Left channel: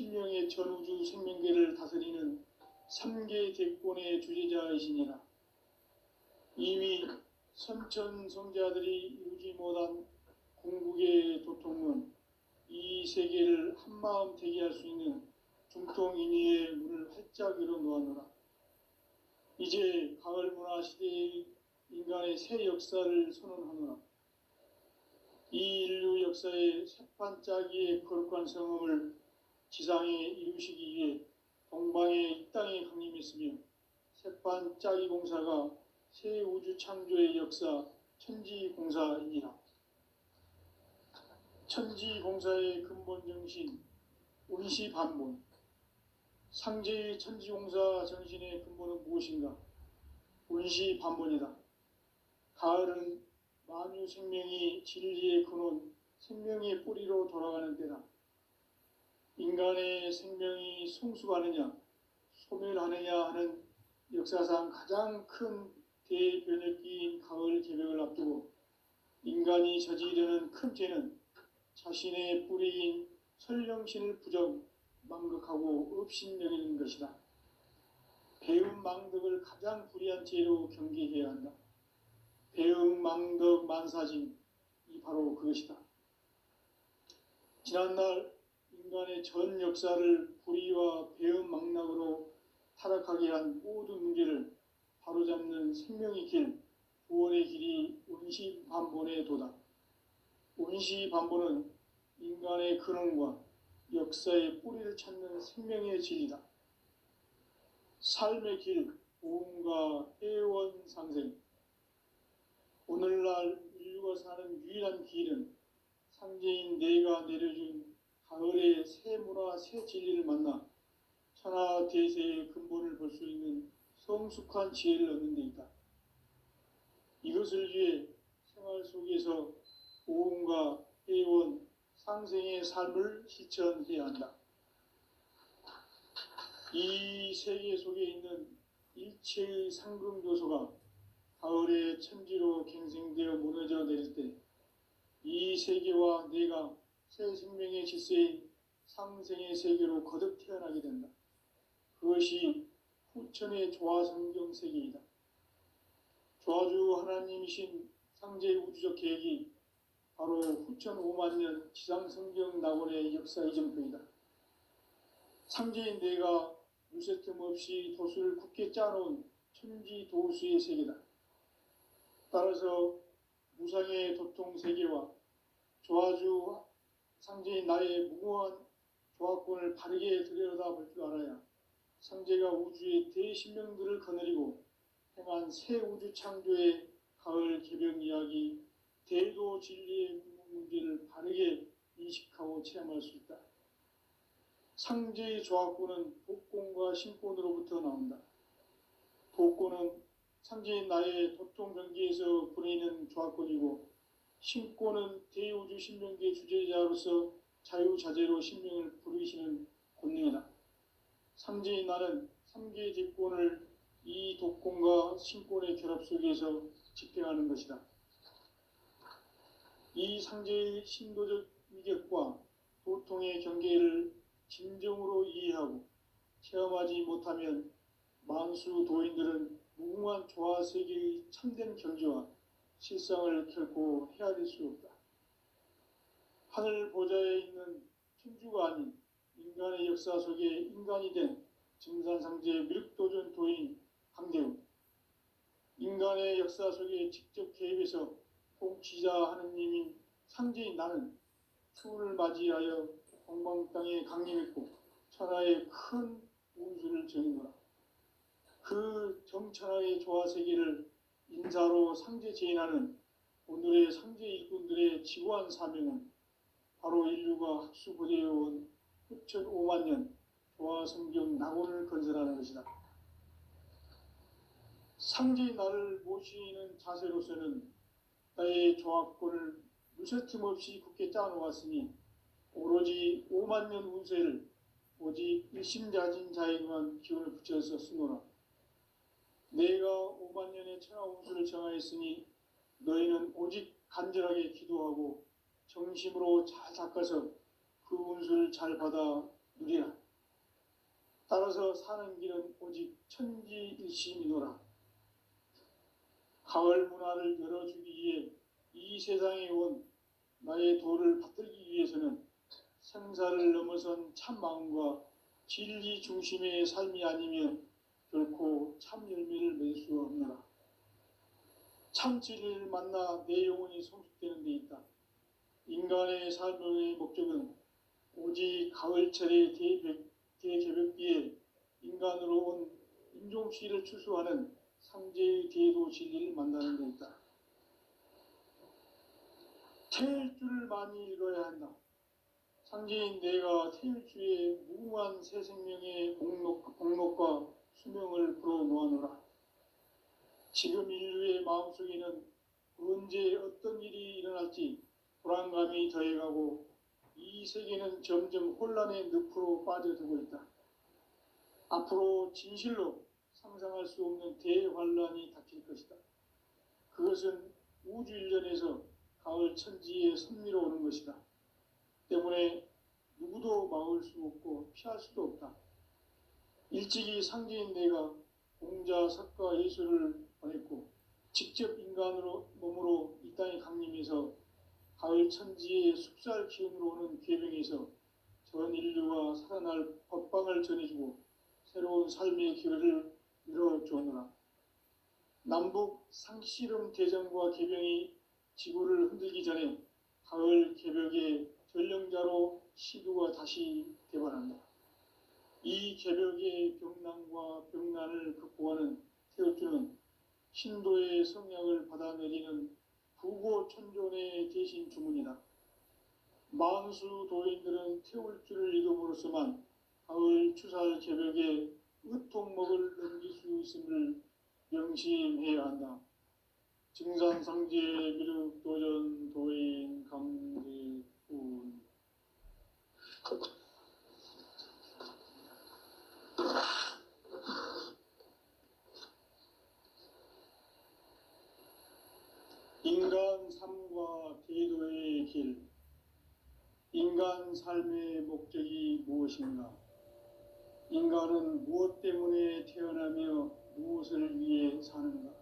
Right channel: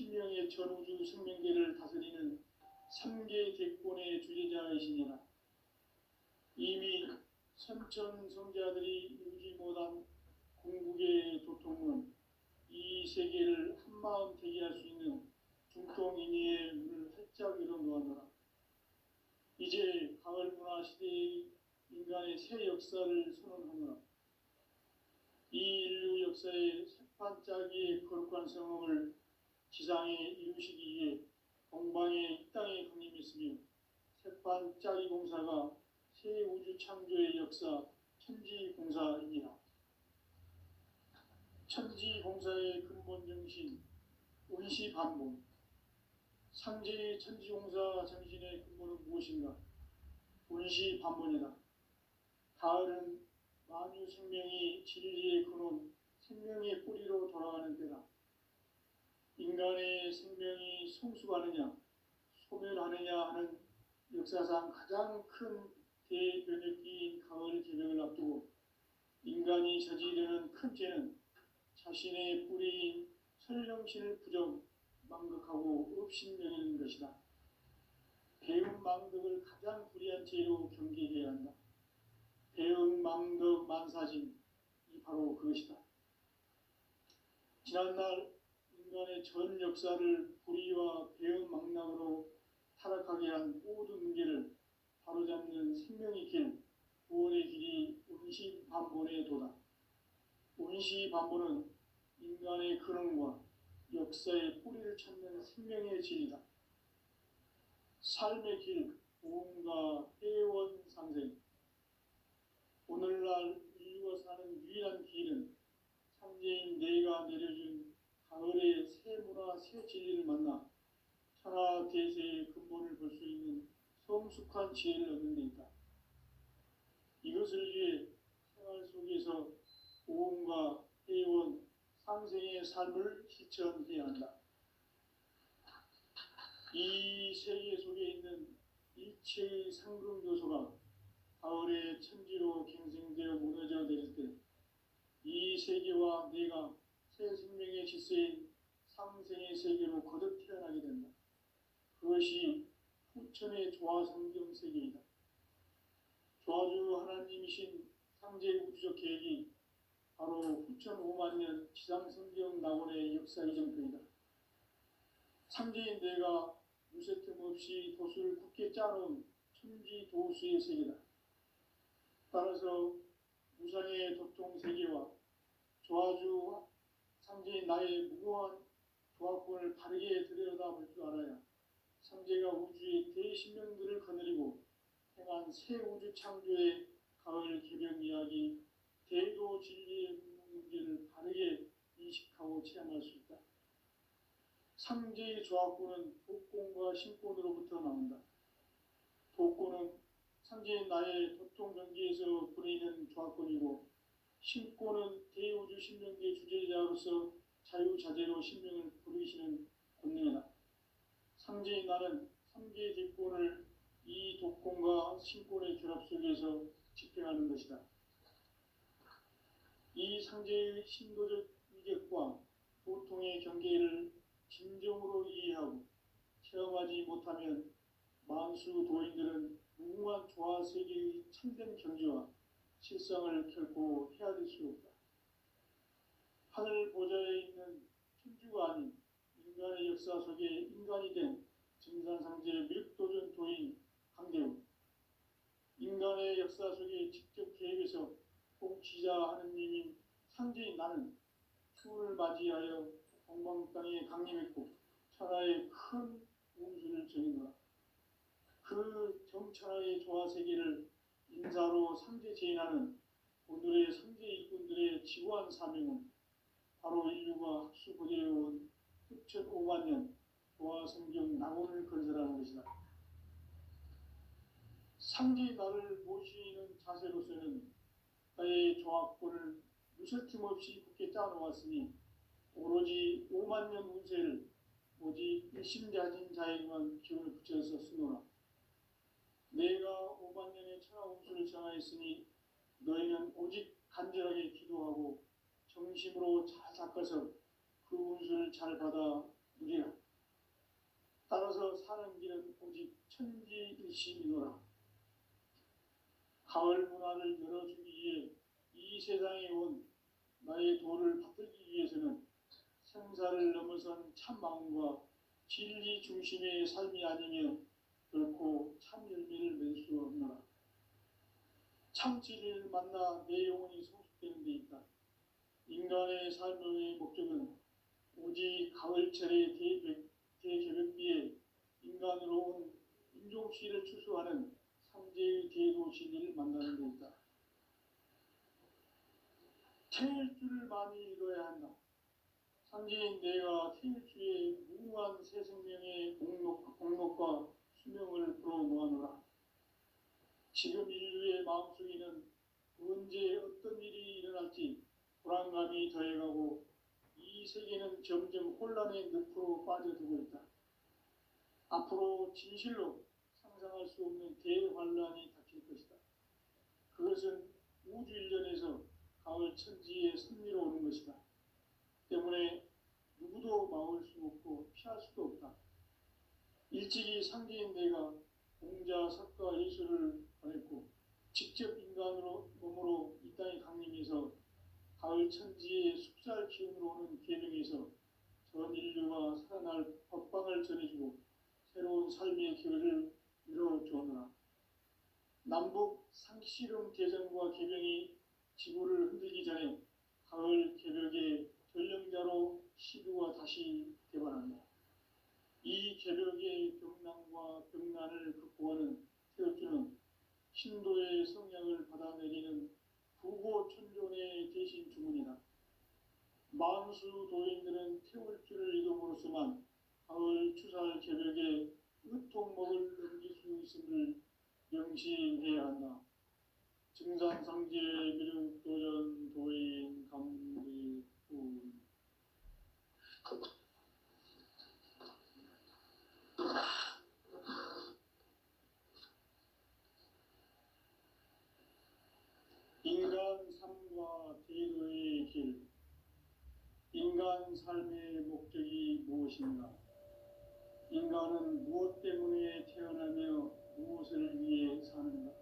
신명의 전우주 생명계를 다스리는 3계 대권의 주제자이시니라. 이미 선천성자들이 이루지 못한 궁극의 도통은 이 세계를 한마음 되게 할 수 있는 중통인의의 문을 활짝 열어놓았노라. 이제 가을 문화 시대의 인간의 새 역사를 선언하노라. 이 인류 역사의 새반짝이의 거룩한 성음을 지상에 이루시기 위해 동방의 이 땅에 강림했으며 새반짝이 공사가 새 우주 창조의 역사 천지공사이니라. 천지공사의 근본 정신 운시반본. 상제의 천지공사 정신의 근본은 무엇인가? 운시반본이다. 가을은 만유 생명이 진리의 근원, 생명의 뿌리로 돌아가는 때다. 인간의 생명이 성숙하느냐, 소멸하느냐 하는 역사상 가장 큰 대변혁기인 가을 개벽을 앞두고 인간이 저지르는 큰 죄는 자신의 뿌리인 설령신을 부정, 망극하고 업신여기는 것이다. 배음 망덕을 가장 불의한 죄로 경계해야 한다. 배음 망덕 만사징, 이 바로 그것이다. 지난날 인간의 전 역사를 불의와 배음 망락으로 타락하게 한 모든 문제를 바로잡는 생명의 길, 구원의 길이 운시반본의 도다. 운시반본은 인간의 근원과 역사의 뿌리를 찾는 생명의 진리다. 삶의 길, 오음과 애원상생. 오늘날 인류가 사는 유일한 길은 상제인 내가 내려준 가을의 새 문화, 새 진리를 만나 천하 대세의 근본을 볼 수 있는 성숙한 지혜를 얻는 데 있다. 이것을 위해 생활 속에서 오음과 애원, 상생의 삶을 실천해야 한다. 이 세계 속에 있는 일체의 상금요소가 가을의 천지로 갱생되어 무너져 내릴 때 이 세계와 내가 새 생명의 질서인 상생의 세계로 거듭 태어나게 된다. 그것이 후천의 조화성경 세계이다. 조화주 하나님이신 상제의 우주적 계획이 바로 후천 5만 년 지상성경 낙원의 역사 이정표이다. 상제인 내가 무쇠 틈 없이 돛을 굳게 짜놓은 천지도수의 세계다. 따라서 무상의 도통 세계와 조화주 상제인 나의 무궁한 조화권을 바르게 들여다볼 줄 알아야 상제가 우주의 대신명들을 거느리고 행한 새 우주 창조의 가을 개벽 이야기, 대도 진리의 문제를 바르게 인식하고 체험할 수 있다. 상제의 조화권은 복권과 신권으로부터 나온다. 복권은 상제인 나의 도통 경계에서 보내는 조화권이고, 신권은 대우주 신명계 주제자로서 자유자재로 신명을 부르시는 권능이다. 상제인 나는 3계 제권을 이 독권과 신권의 결합 속에서 집행하는 것이다. 이 상제의 신도적 위력과 도통의 경계를 진정으로 이해하고 체험하지 못하면 만수 도인들은 무궁한 조화세계의 참된 경지와 실상을 결코 헤아릴 수 없다. 하늘 보좌에 있는 천주가 아닌 인간의 역사 속에 인간이 된 증산상제 미륵도전 도인 강대웅, 인간의 역사 속에 직접 개입해서 통치자 하느님인 상제인 나는 추운을 맞이하여 동방 땅에 강림했고 천하의 큰 운수를 정의노라. 그 정천하의 조화세계를 인사로 상제 제인하는 오늘의 상제 일꾼들의 지고한 사명은 바로 인류가 학수고대해온 후천 5만 년 조화성경 낙원을 건설하는 것이다. 상제의 나를 모시는 자세로서는 나의 조화권을 무쇠틈 없이 굳게 짜놓았으니 오로지 5만 년 운세를 오직 일심자진 자에게만 기운을 붙여서 쓰노라. 내가 5만 년의 천하 운수를 정하였으니 너희는 오직 간절하게 기도하고 정심으로 잘 닦아서 그 운수를 잘 받아 누리라. 천지일심이노라. 가을 문화를 열어주기 위해 이 세상에 온 나의 도를 받들기 위해서는 생사를 넘어선 참 마음과 진리 중심의 삶이 아니면 결코 참 열매를 맺을 수 없노라. 참 진리를 만나 내 영혼이 성숙되는 데 있다. 인간의 삶의 목적은 오직 가을철의 대개벽비에 인간으로 온 인종시를 추수하는 상제의 대도 진리를 만나는 데 있다. 태일주를 많이 읽어야 한다. 상제인 내가 태일주의 무궁한 새 생명의 공목과 수명을 불어놓아노라. 지금 인류의 마음속에는 언제 어떤 일이 일어날지 불안감이 더해가고 이 세계는 점점 혼란의 늪으로 빠져들고 있다. 앞으로 진실로 상상할 수 없는 대환란이 닥칠 것이다. 그것은 우주 일련에서 가을 천지의 섭리로 오는 것이다. 때문에 누구도 막을 수 없고 피할 수도 없다. 일찍이 상제인 내가 공자, 석가, 예수를 보냈고 직접 인간으로 몸으로 이 땅에 강림해서 가을 천지의 숲살 기운으로 오는 계명에서 전 인류가 살아날 법방을 전해주고 새로운 삶의 기회를 열어주오노라. 남북 상씨름 대전과 개병이 지구를 흔들기 전에 가을 개벽의 전령자로 시두가 다시 대발한다. 이 개벽의 병난과 병난을 극복하는 태울주는 신도의 성약을 받아내리는 부고천존의 대신 주문이다. 만수 도인들은 태울주를 읽음으로써만 가을 추살 개벽에 의통목을 넘길 수 있음을 명심해야 한다. 증산상제 미륵도전 도인 강제군. 인간 삶과 대도의 길. 인간 삶의 목적이 무엇인가? 인간은 무엇 때문에 태어나며 무엇을 위해 사는가?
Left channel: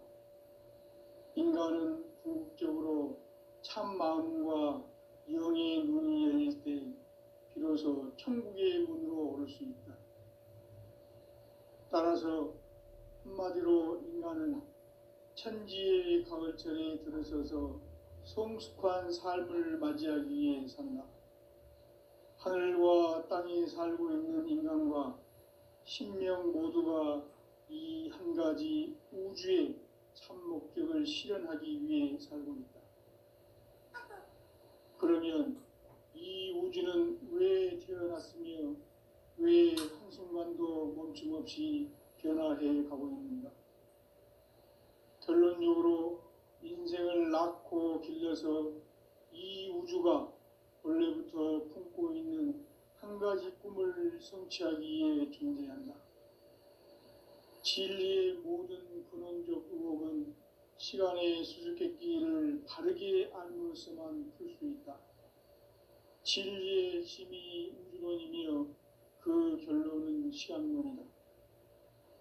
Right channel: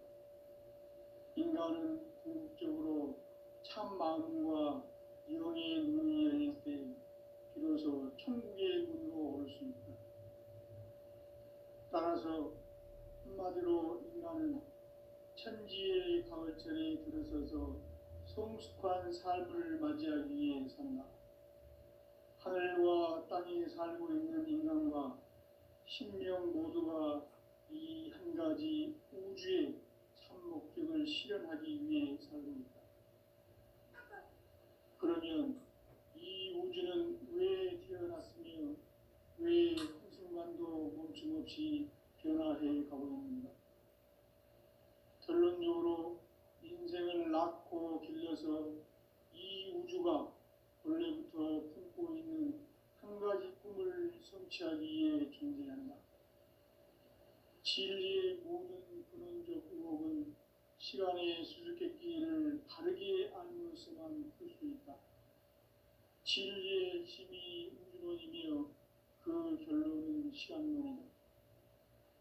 인간은 궁극적으로 참 마음과 영의 눈이 열릴 때 비로소 천국의 문으로 오를 수 있다. 따라서 한마디로 인간은 천지의 가을철에 들어서서 성숙한 삶을 맞이하기 위해 산다. 하늘과 땅에 살고 있는 인간과 신명 모두가 이 한 가지 우주의 참 목적을 실현하기 위해 살고 있다. 그러면 이 우주는 왜 태어났으며 왜 한순간도 멈춤없이 변화해 가고 있는가? 결론적으로 인생을 낳고 길러서 이 우주가 원래부터 품고 있는 한 가지 꿈을 성취하기 위해 존재한다. 진리의 모든 근원적 의혹은 시간의 수수께끼를 바르게 알므로서만 풀 수 있다. 진리의 힘이 우주론이며 그 결론은 시간론이다.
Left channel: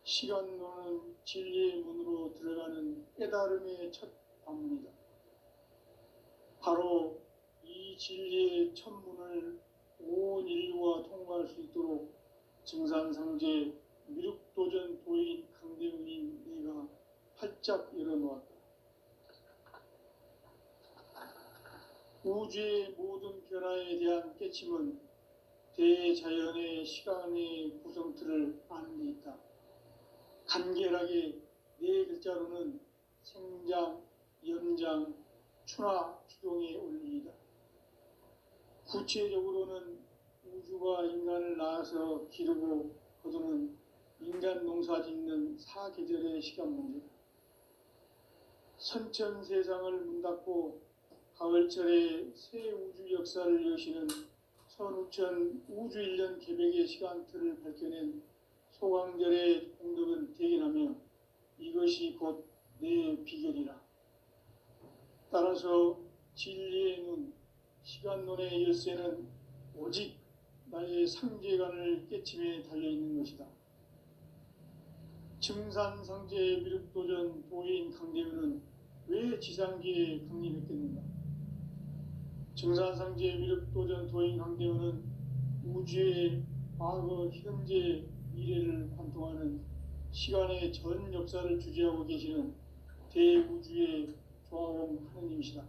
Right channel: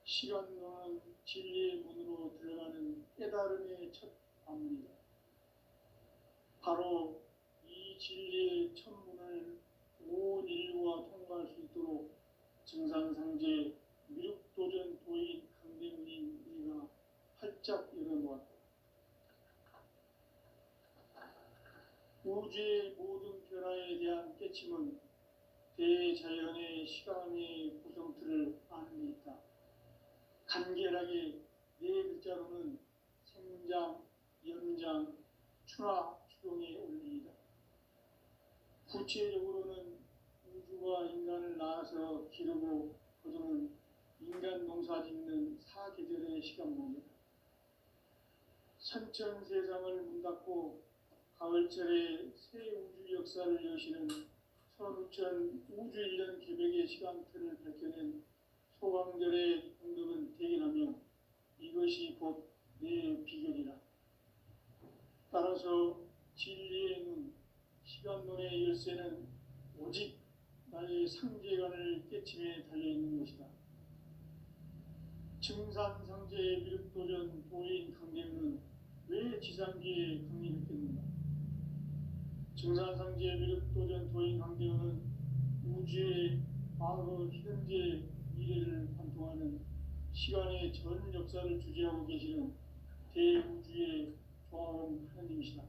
시간론은 진리의 문으로 들어가는 깨달음의 첫 관문이다. 바로 이 진리의 첫 문을 온 인류가 통과할 수 있도록 증산상제 미륵도전 도인 강대훈인 내가 활짝 열어놓았다. 우주의 모든 변화에 대한 깨침은 대자연의 시간의 구성틀을 아는 데 있다. 간결하게 네 글자로는 생장, 연장, 추나 추동의 원리이다. 구체적으로는 우주가 인간을 낳아서 기르고 거두는 인간 농사 짓는 사계절의 시간 문제다. 선천 세상을 문닫고 가을철에 새 우주 역사를 여시는 선우천 우주 일년 개벽의 시간틀을 밝혀낸 소강절의 공덕은 대견하며 이것이 곧 내 비결이라. 따라서 진리의 눈, 시간론의 열쇠는 오직 나의 상제관을 깨침에 달려있는 것이다. 증산상제 미륵도전 도인 강대우는 왜 지상기에 강림했겠는가? 증산상제 미륵도전 도인 강대우는 우주의 과거, 현재, 미래를 관통하는 시간의 전 역사를 주재하고 계시는 대우주의 조화원 하느님이시다.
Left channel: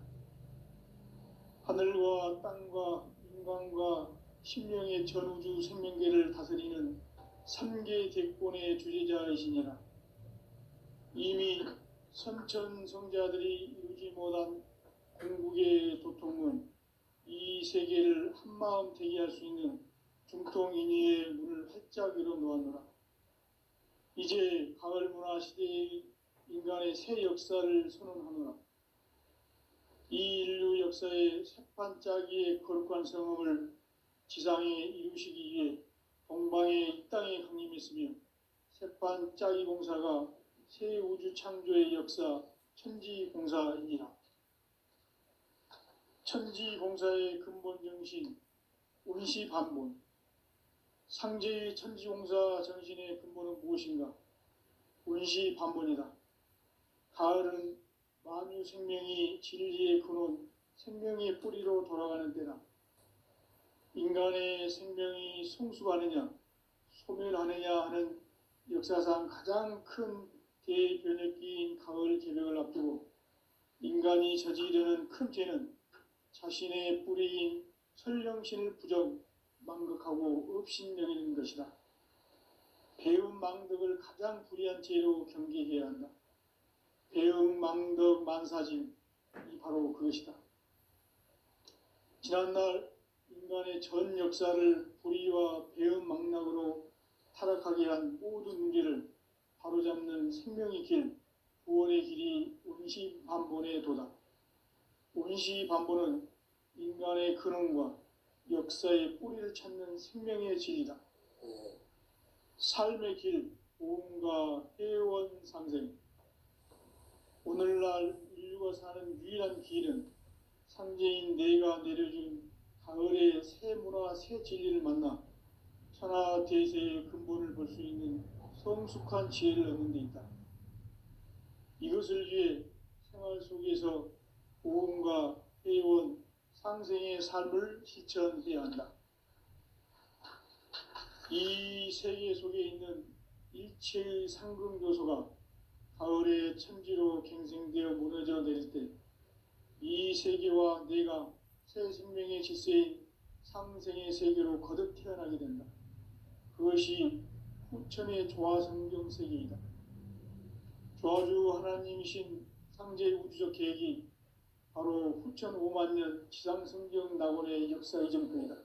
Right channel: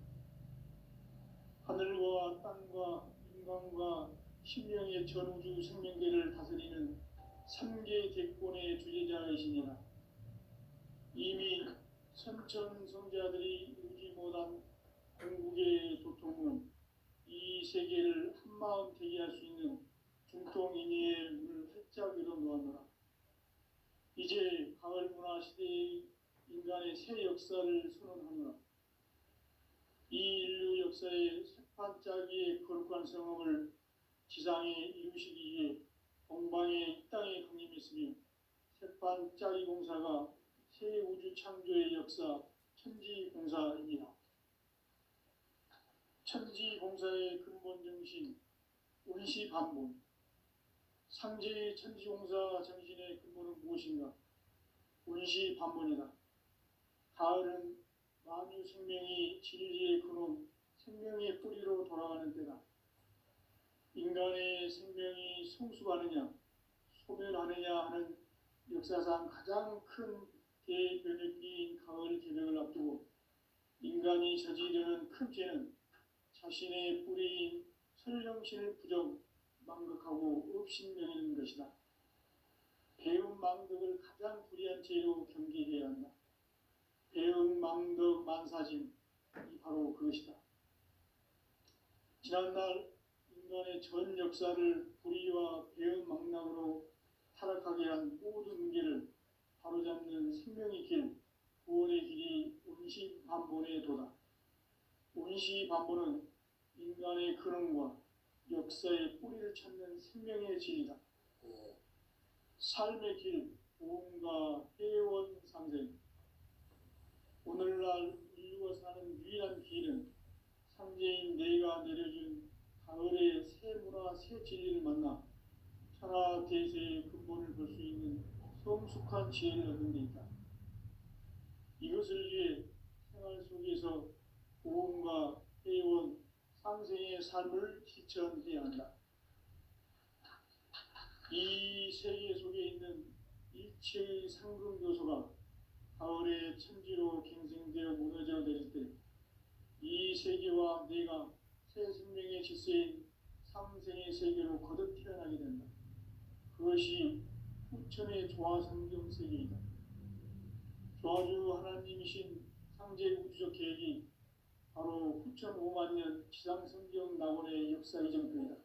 하늘과 땅과 인간과 신명의 전우주 생명계를 다스리는 3개 대권의 주재자이시니라. 이미 선천성자들이 이루지 못한 공국의 도통은 이 세계를 한마음 되게 할 수 있는 중통인의의 문을 활짝 열어놓았노라. 이제 가을 문화 시대의 인간의 새 역사를 선언하노라. 이 인류 역사의 새판짜기의 거룩한 성음을 지상에 이루시기 위해 동방의 이 땅에 강림했으며 새판짜기 공사가 새 우주 창조의 역사 천지공사이니라. 천지공사의 근본 정신 운시반본. 상제의 천지공사 정신의 근본은 무엇인가? 운시반본이다. 가을은 만유 생명이 진리의 근원, 생명의 뿌리로 돌아가는 때다. 인간의 생명이 성숙하느냐, 소멸하느냐 하는 역사상 가장 큰 대변혁기인 가을 개벽을 앞두고 인간이 저지르는 큰 죄는 자신의 뿌리인 설령신을 부정, 망극하고 업신여기는 것이다. 배움 망덕을 가장 불의한 죄로 경계해야 한다. 배움 망덕 만사진, 이 바로 그것이다. 지난날 인간의 전 역사를 불의와 배움 망락으로 타락하게 한 모든 문제를 바로잡는 생명의 길, 구원의 길이 운시반본의 도다. 운시반본은 인간의 근원과 역사의 뿌리를 찾는 생명의 진리다. 삶의 길, 보험과 회원 상생. 오늘날 인류가 사는 유일한 길은 상제인 내가 내려준 가을의 새 문화, 새 진리를 만나 천하 대세의 근본을 볼 수 있는 성숙한 지혜를 얻는 데 있다. 이것을 위해 생활 속에서 보험과 회원, 상생의 삶을 실천해야 한다. 이 세계 속에 있는 일체의 상금 요소가 가을의 천지로 갱생되어 무너져 내릴 때 이 세계와 내가 새 생명의 질서인 상생의 세계로 거듭 태어나게 된다. 그것이 후천의 조화성경 세계이다. 조화주 하나님이신 상제 우주적 계획이 바로 후천 5만 년 지상성경 낙원의 역사 이전편이다.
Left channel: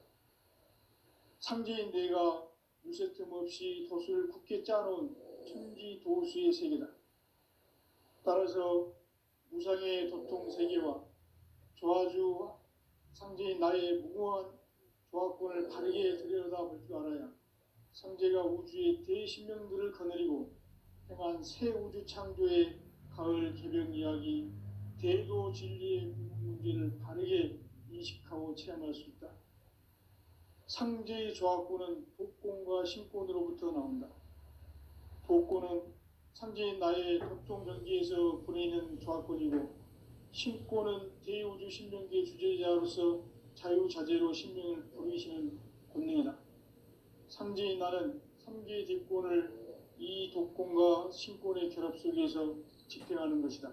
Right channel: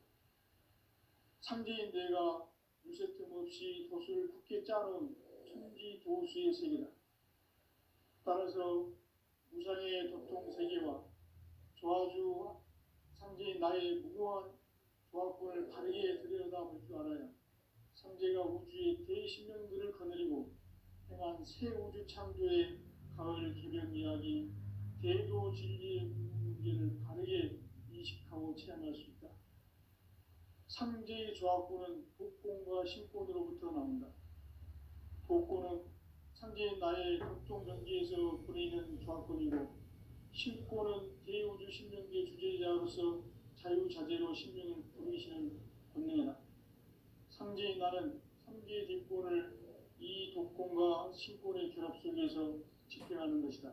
상제인 내가 유세 틈 없이 도수를 굳게 짜놓은 천지 도수의 세계다. 따라서 무상의 도통 세계와 조화주 상제인 나의 무궁한 조화권을 바르게 들여다볼 줄 알아야 상제가 우주의 대신명들을 거느리고 행한 새 우주 창조의 가을 개벽 이야기, 대도 진리의 문제를 바르게 인식하고 체험할 수 있다. 상제의 조화권은 복권과 신권으로부터 나온다. 복권은 상제인 나의 도통 경계에서 보내는 조화권이고, 신권은 대우주 신명계 주제자로서 자유자재로 신명을 부르시는 권능이다. 상제인 나는 3개의 대권을 이 독권과 신권의 결합 속에서 집행하는 것이다.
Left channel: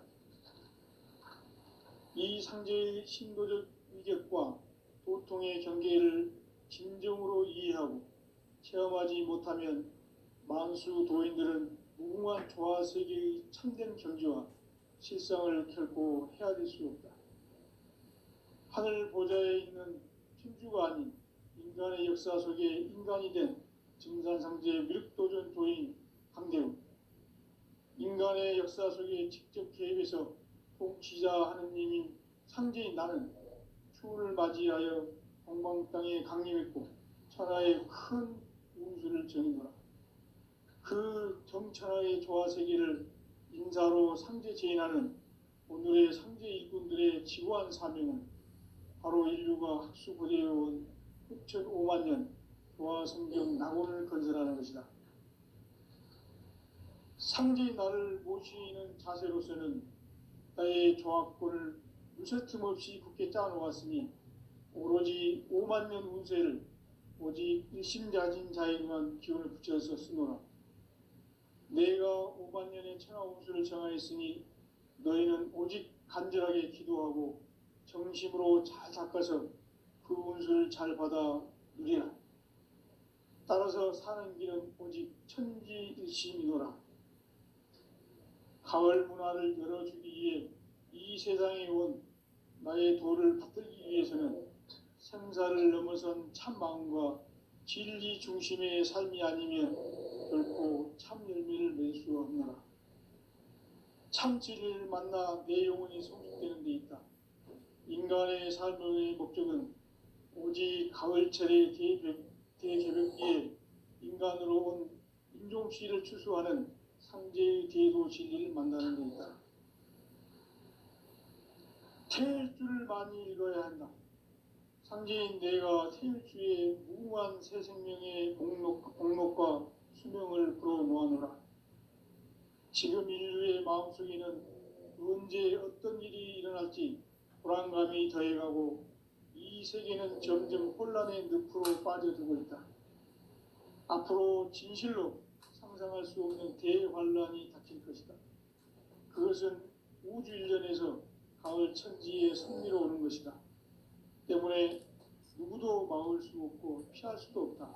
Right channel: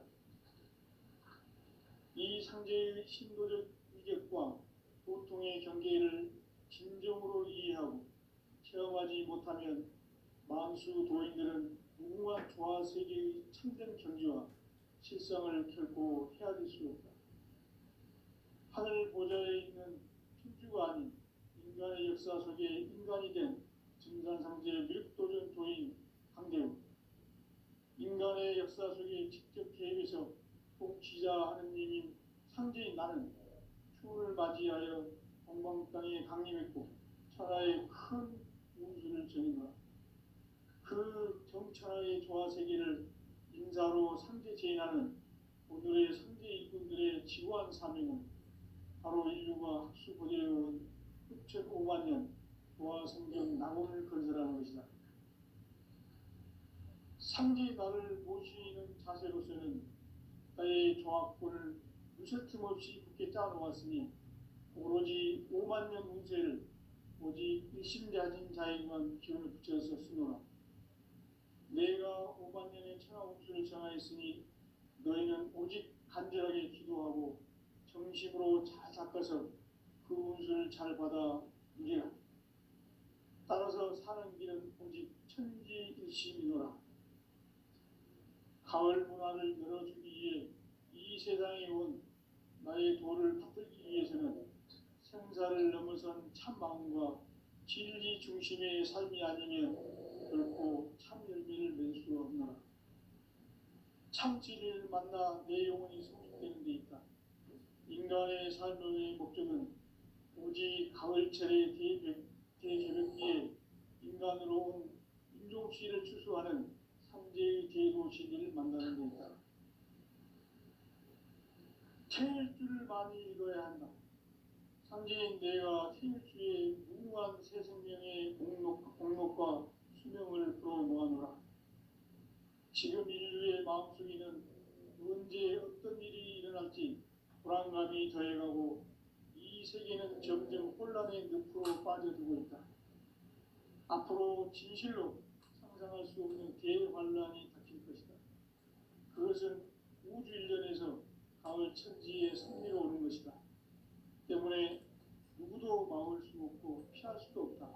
이 상제의 신도적 위격과 도통의 경계를 진정으로 이해하고 체험하지 못하면 만수 도인들은 무궁한 조화세계의 참된 경지와 실상을 결코 헤아릴 수 없다. 하늘 보좌에 있는 천주가 아닌 인간의 역사 속에 인간이 된 증산상제 미륵도전 도인 강대우. 인간의 역사 속에 직접 개입해서 통치자 하느님인 상제인 나는 추운을 맞이하여 동방 땅에 강림했고 천하의 큰 운수를 정의노라. 그 정천하의 조화세계를 인사로 상제 제인하는 오늘의 상제 일꾼들의 지구한 사명은 바로 인류가 학수고대해온 6,5만 년 조화성경 낙원을 건설하는 것이다. 상제의 나를 모시는 자세로서는 나의 조합권을 무쇠틈 없이 굳게 짜놓았으니 오로지 5만 년 운세를 오직 일심자진 자에만 기운을 붙여서 쓰노라. 내가 5만 년의 천하 운수를 정하였으니 너희는 오직 간절하게 기도하고 정심으로 잘 닦아서 그 운수를 잘 받아 누리라. 따라서 사는 길은 오직 천지일심이노라. 가을 문화를 열어주기 위해 이 세상에 온 나의 도를 받들기 위해서는 생사를 넘어선 참 마음과 진리 중심의 삶이 아니면 결코 참 열매를 맺을 수 없노라. 참 진리를 만나 내 영혼이 성숙되는 데 있다. 인간의 삶의 목적은 오직 가을철의 대개벽기에 인간으로 온 인종시를 추수하는 상제의 대도 진리를 만나는 데 있다. 태일 줄을 많이 읽어야 한다. 상제인 내가 태일주의 무궁한 새 생명의 공록과 수명을 불어모아노라. 지금 인류의 마음속에는 언제 어떤 일이 일어날지 불안감이 더해가고 이 세계는 점점 혼란의 늪으로 빠져들고 있다. 앞으로 진실로 상상할 수 없는 대환란이 닥칠 것이다. 그것은 우주 일련에서 가을 천지의 섭리로 오는 것이다. 때문에 누구도 막을 수 없고 피할 수도 없다.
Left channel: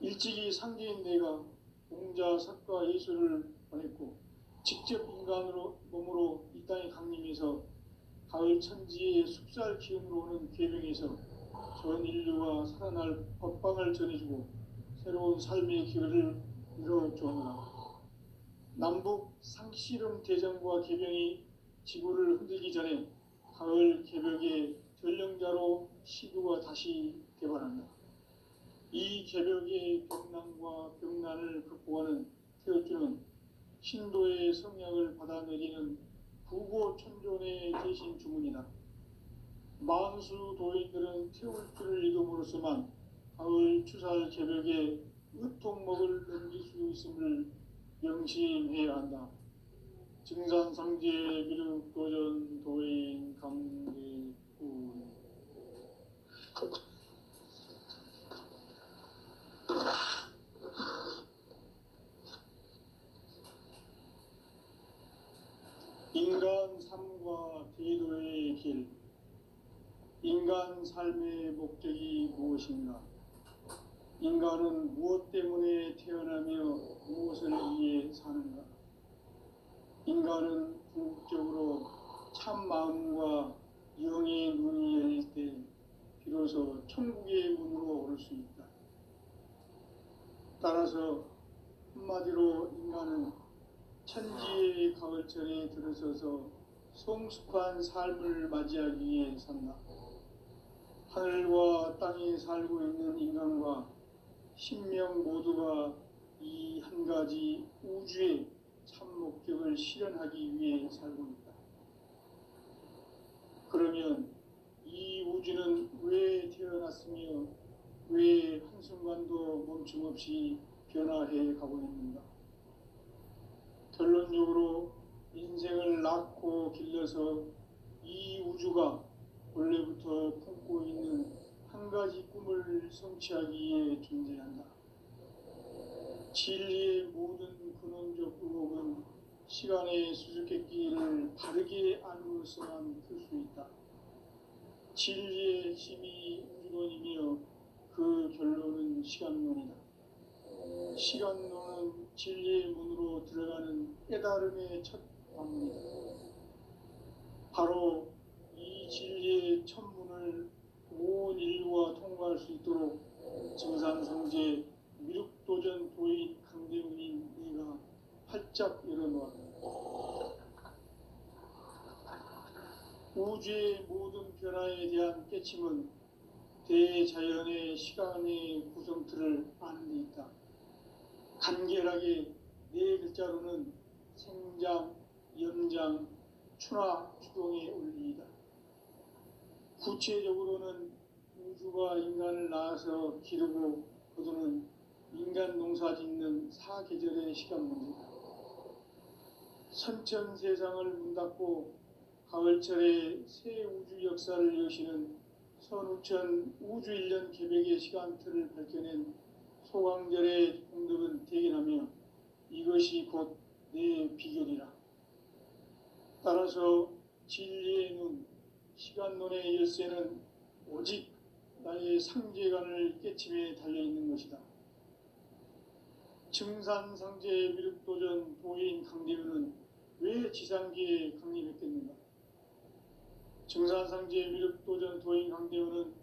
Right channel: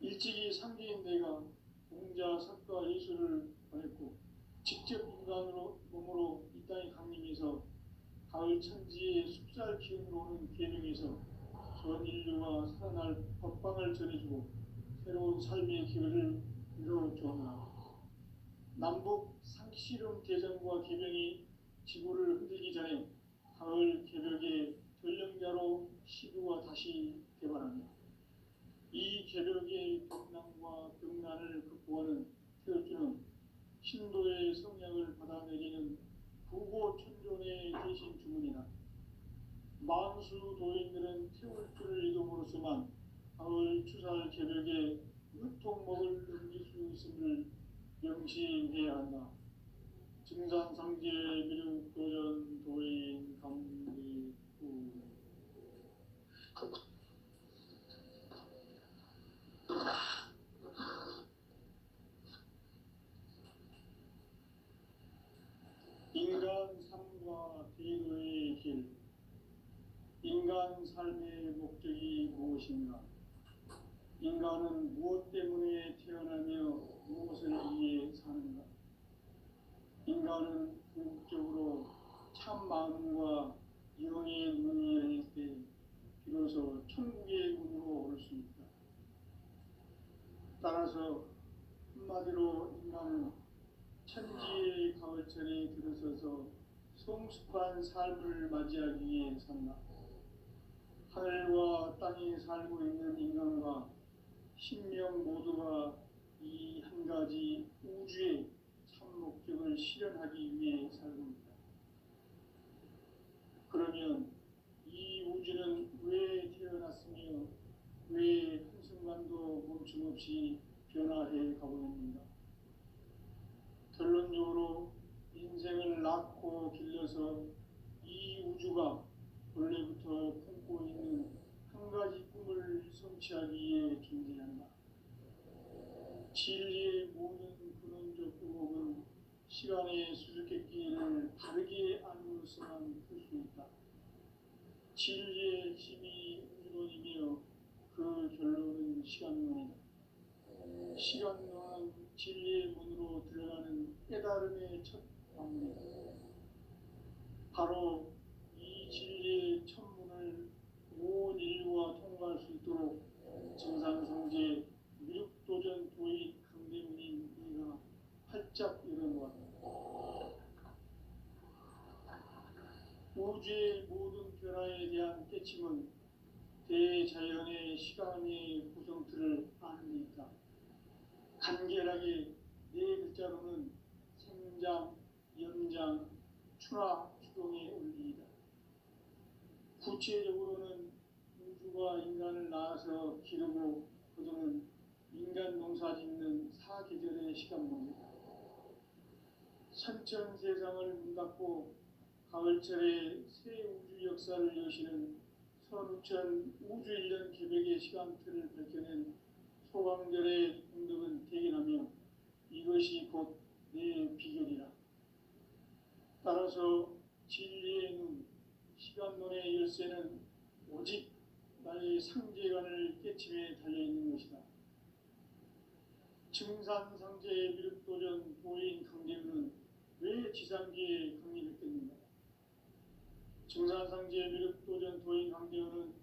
일찍이 상제인 내가 공자, 석가, 예수를 보냈고 직접 인간으로 몸으로 이 땅에 강림해서 가을 천지의 숲살 기운으로 오는 계명에서 전 인류가 살아날 법방을 전해주고 새로운 삶의 기회를 열어주었노라. 남북 상씨름 대전과 개병이 지구를 흔들기 전에 가을 개벽의 전령자로 시구가 다시 개발한다. 이 개벽의 병난과 병난을 극복하는 태어주는 신도의 성약을 받아내리는 부고천존의 대신 주문이다. 만수 도인들은 태울주를 읽음으로써만 가을 추살 개벽에 으통목을 넘길 수 있음을 명심해야 한다. 증산상제 미륵도전 도인 강대구. 인간 삶과 대도의 길. 인간 삶의 목적이 무엇인가? 인간은 무엇 때문에 태어나며 무엇을 위해 사는가? 인간은 궁극적으로 참 마음과 영의 눈이 열릴 때 비로소 천국의 문으로 올 수 있다. 따라서 한마디로 인간은 천지의 가을철에 들어서서 성숙한 삶을 맞이하기 위해 산다. 하늘과 땅에 살고 있는 인간과 신명 모두가 이 한 가지 우주의 참 목적을 실현하기 위해 살고 있다. 그러면 이 우주는 왜 태어났으며 왜 한순간도 멈춤없이 변화해 가고 있는가? 결론적으로 인생을 낳고 길러서 이 우주가 원래부터 품고 있는 한 가지 꿈을 성취하기 위해 존재한다. 진리의 모든 근원적 의혹은 시간의 수수께끼를 바르게 알므로서만 풀 수 있다. 진리의 힘이 우주론이며 그 결론은 시간론이다. 시간론은 진리의 문으로 들어가는 깨달음의 첫 방문이다. 바로 이 진리의 첫 문을 온 인류가 통과할 수 있도록 증산성제 미륵도전 도인 강대문인 네가 활짝 열어놓았다. 우주의 모든 변화에 대한 깨침은 대자연의 시간의 구성틀을 아는 데 있다. 간결하게 네 글자로는 생장, 연장, 추나 추동의 원리이다. 구체적으로는 우주가 인간을 낳아서 기르고 거두는 인간 농사 짓는 사계절의 시간 문제다. 선천 세상을 문 닫고 가을철에 새 우주 역사를 여시는 선우천 우주일년 개벽의 시간틀을 밝혀낸 소강절의 공덕은 대견하며 이것이 곧 내 비결이라. 따라서 진리의 눈, 시간론의 열쇠는 오직 나의 상제관을 깨침에 달려있는 것이다. 증산상제 미륵도전 도인 강대우는 왜 지상기에 강림했겠는가? 증산상제 미륵도전 도인 강대우는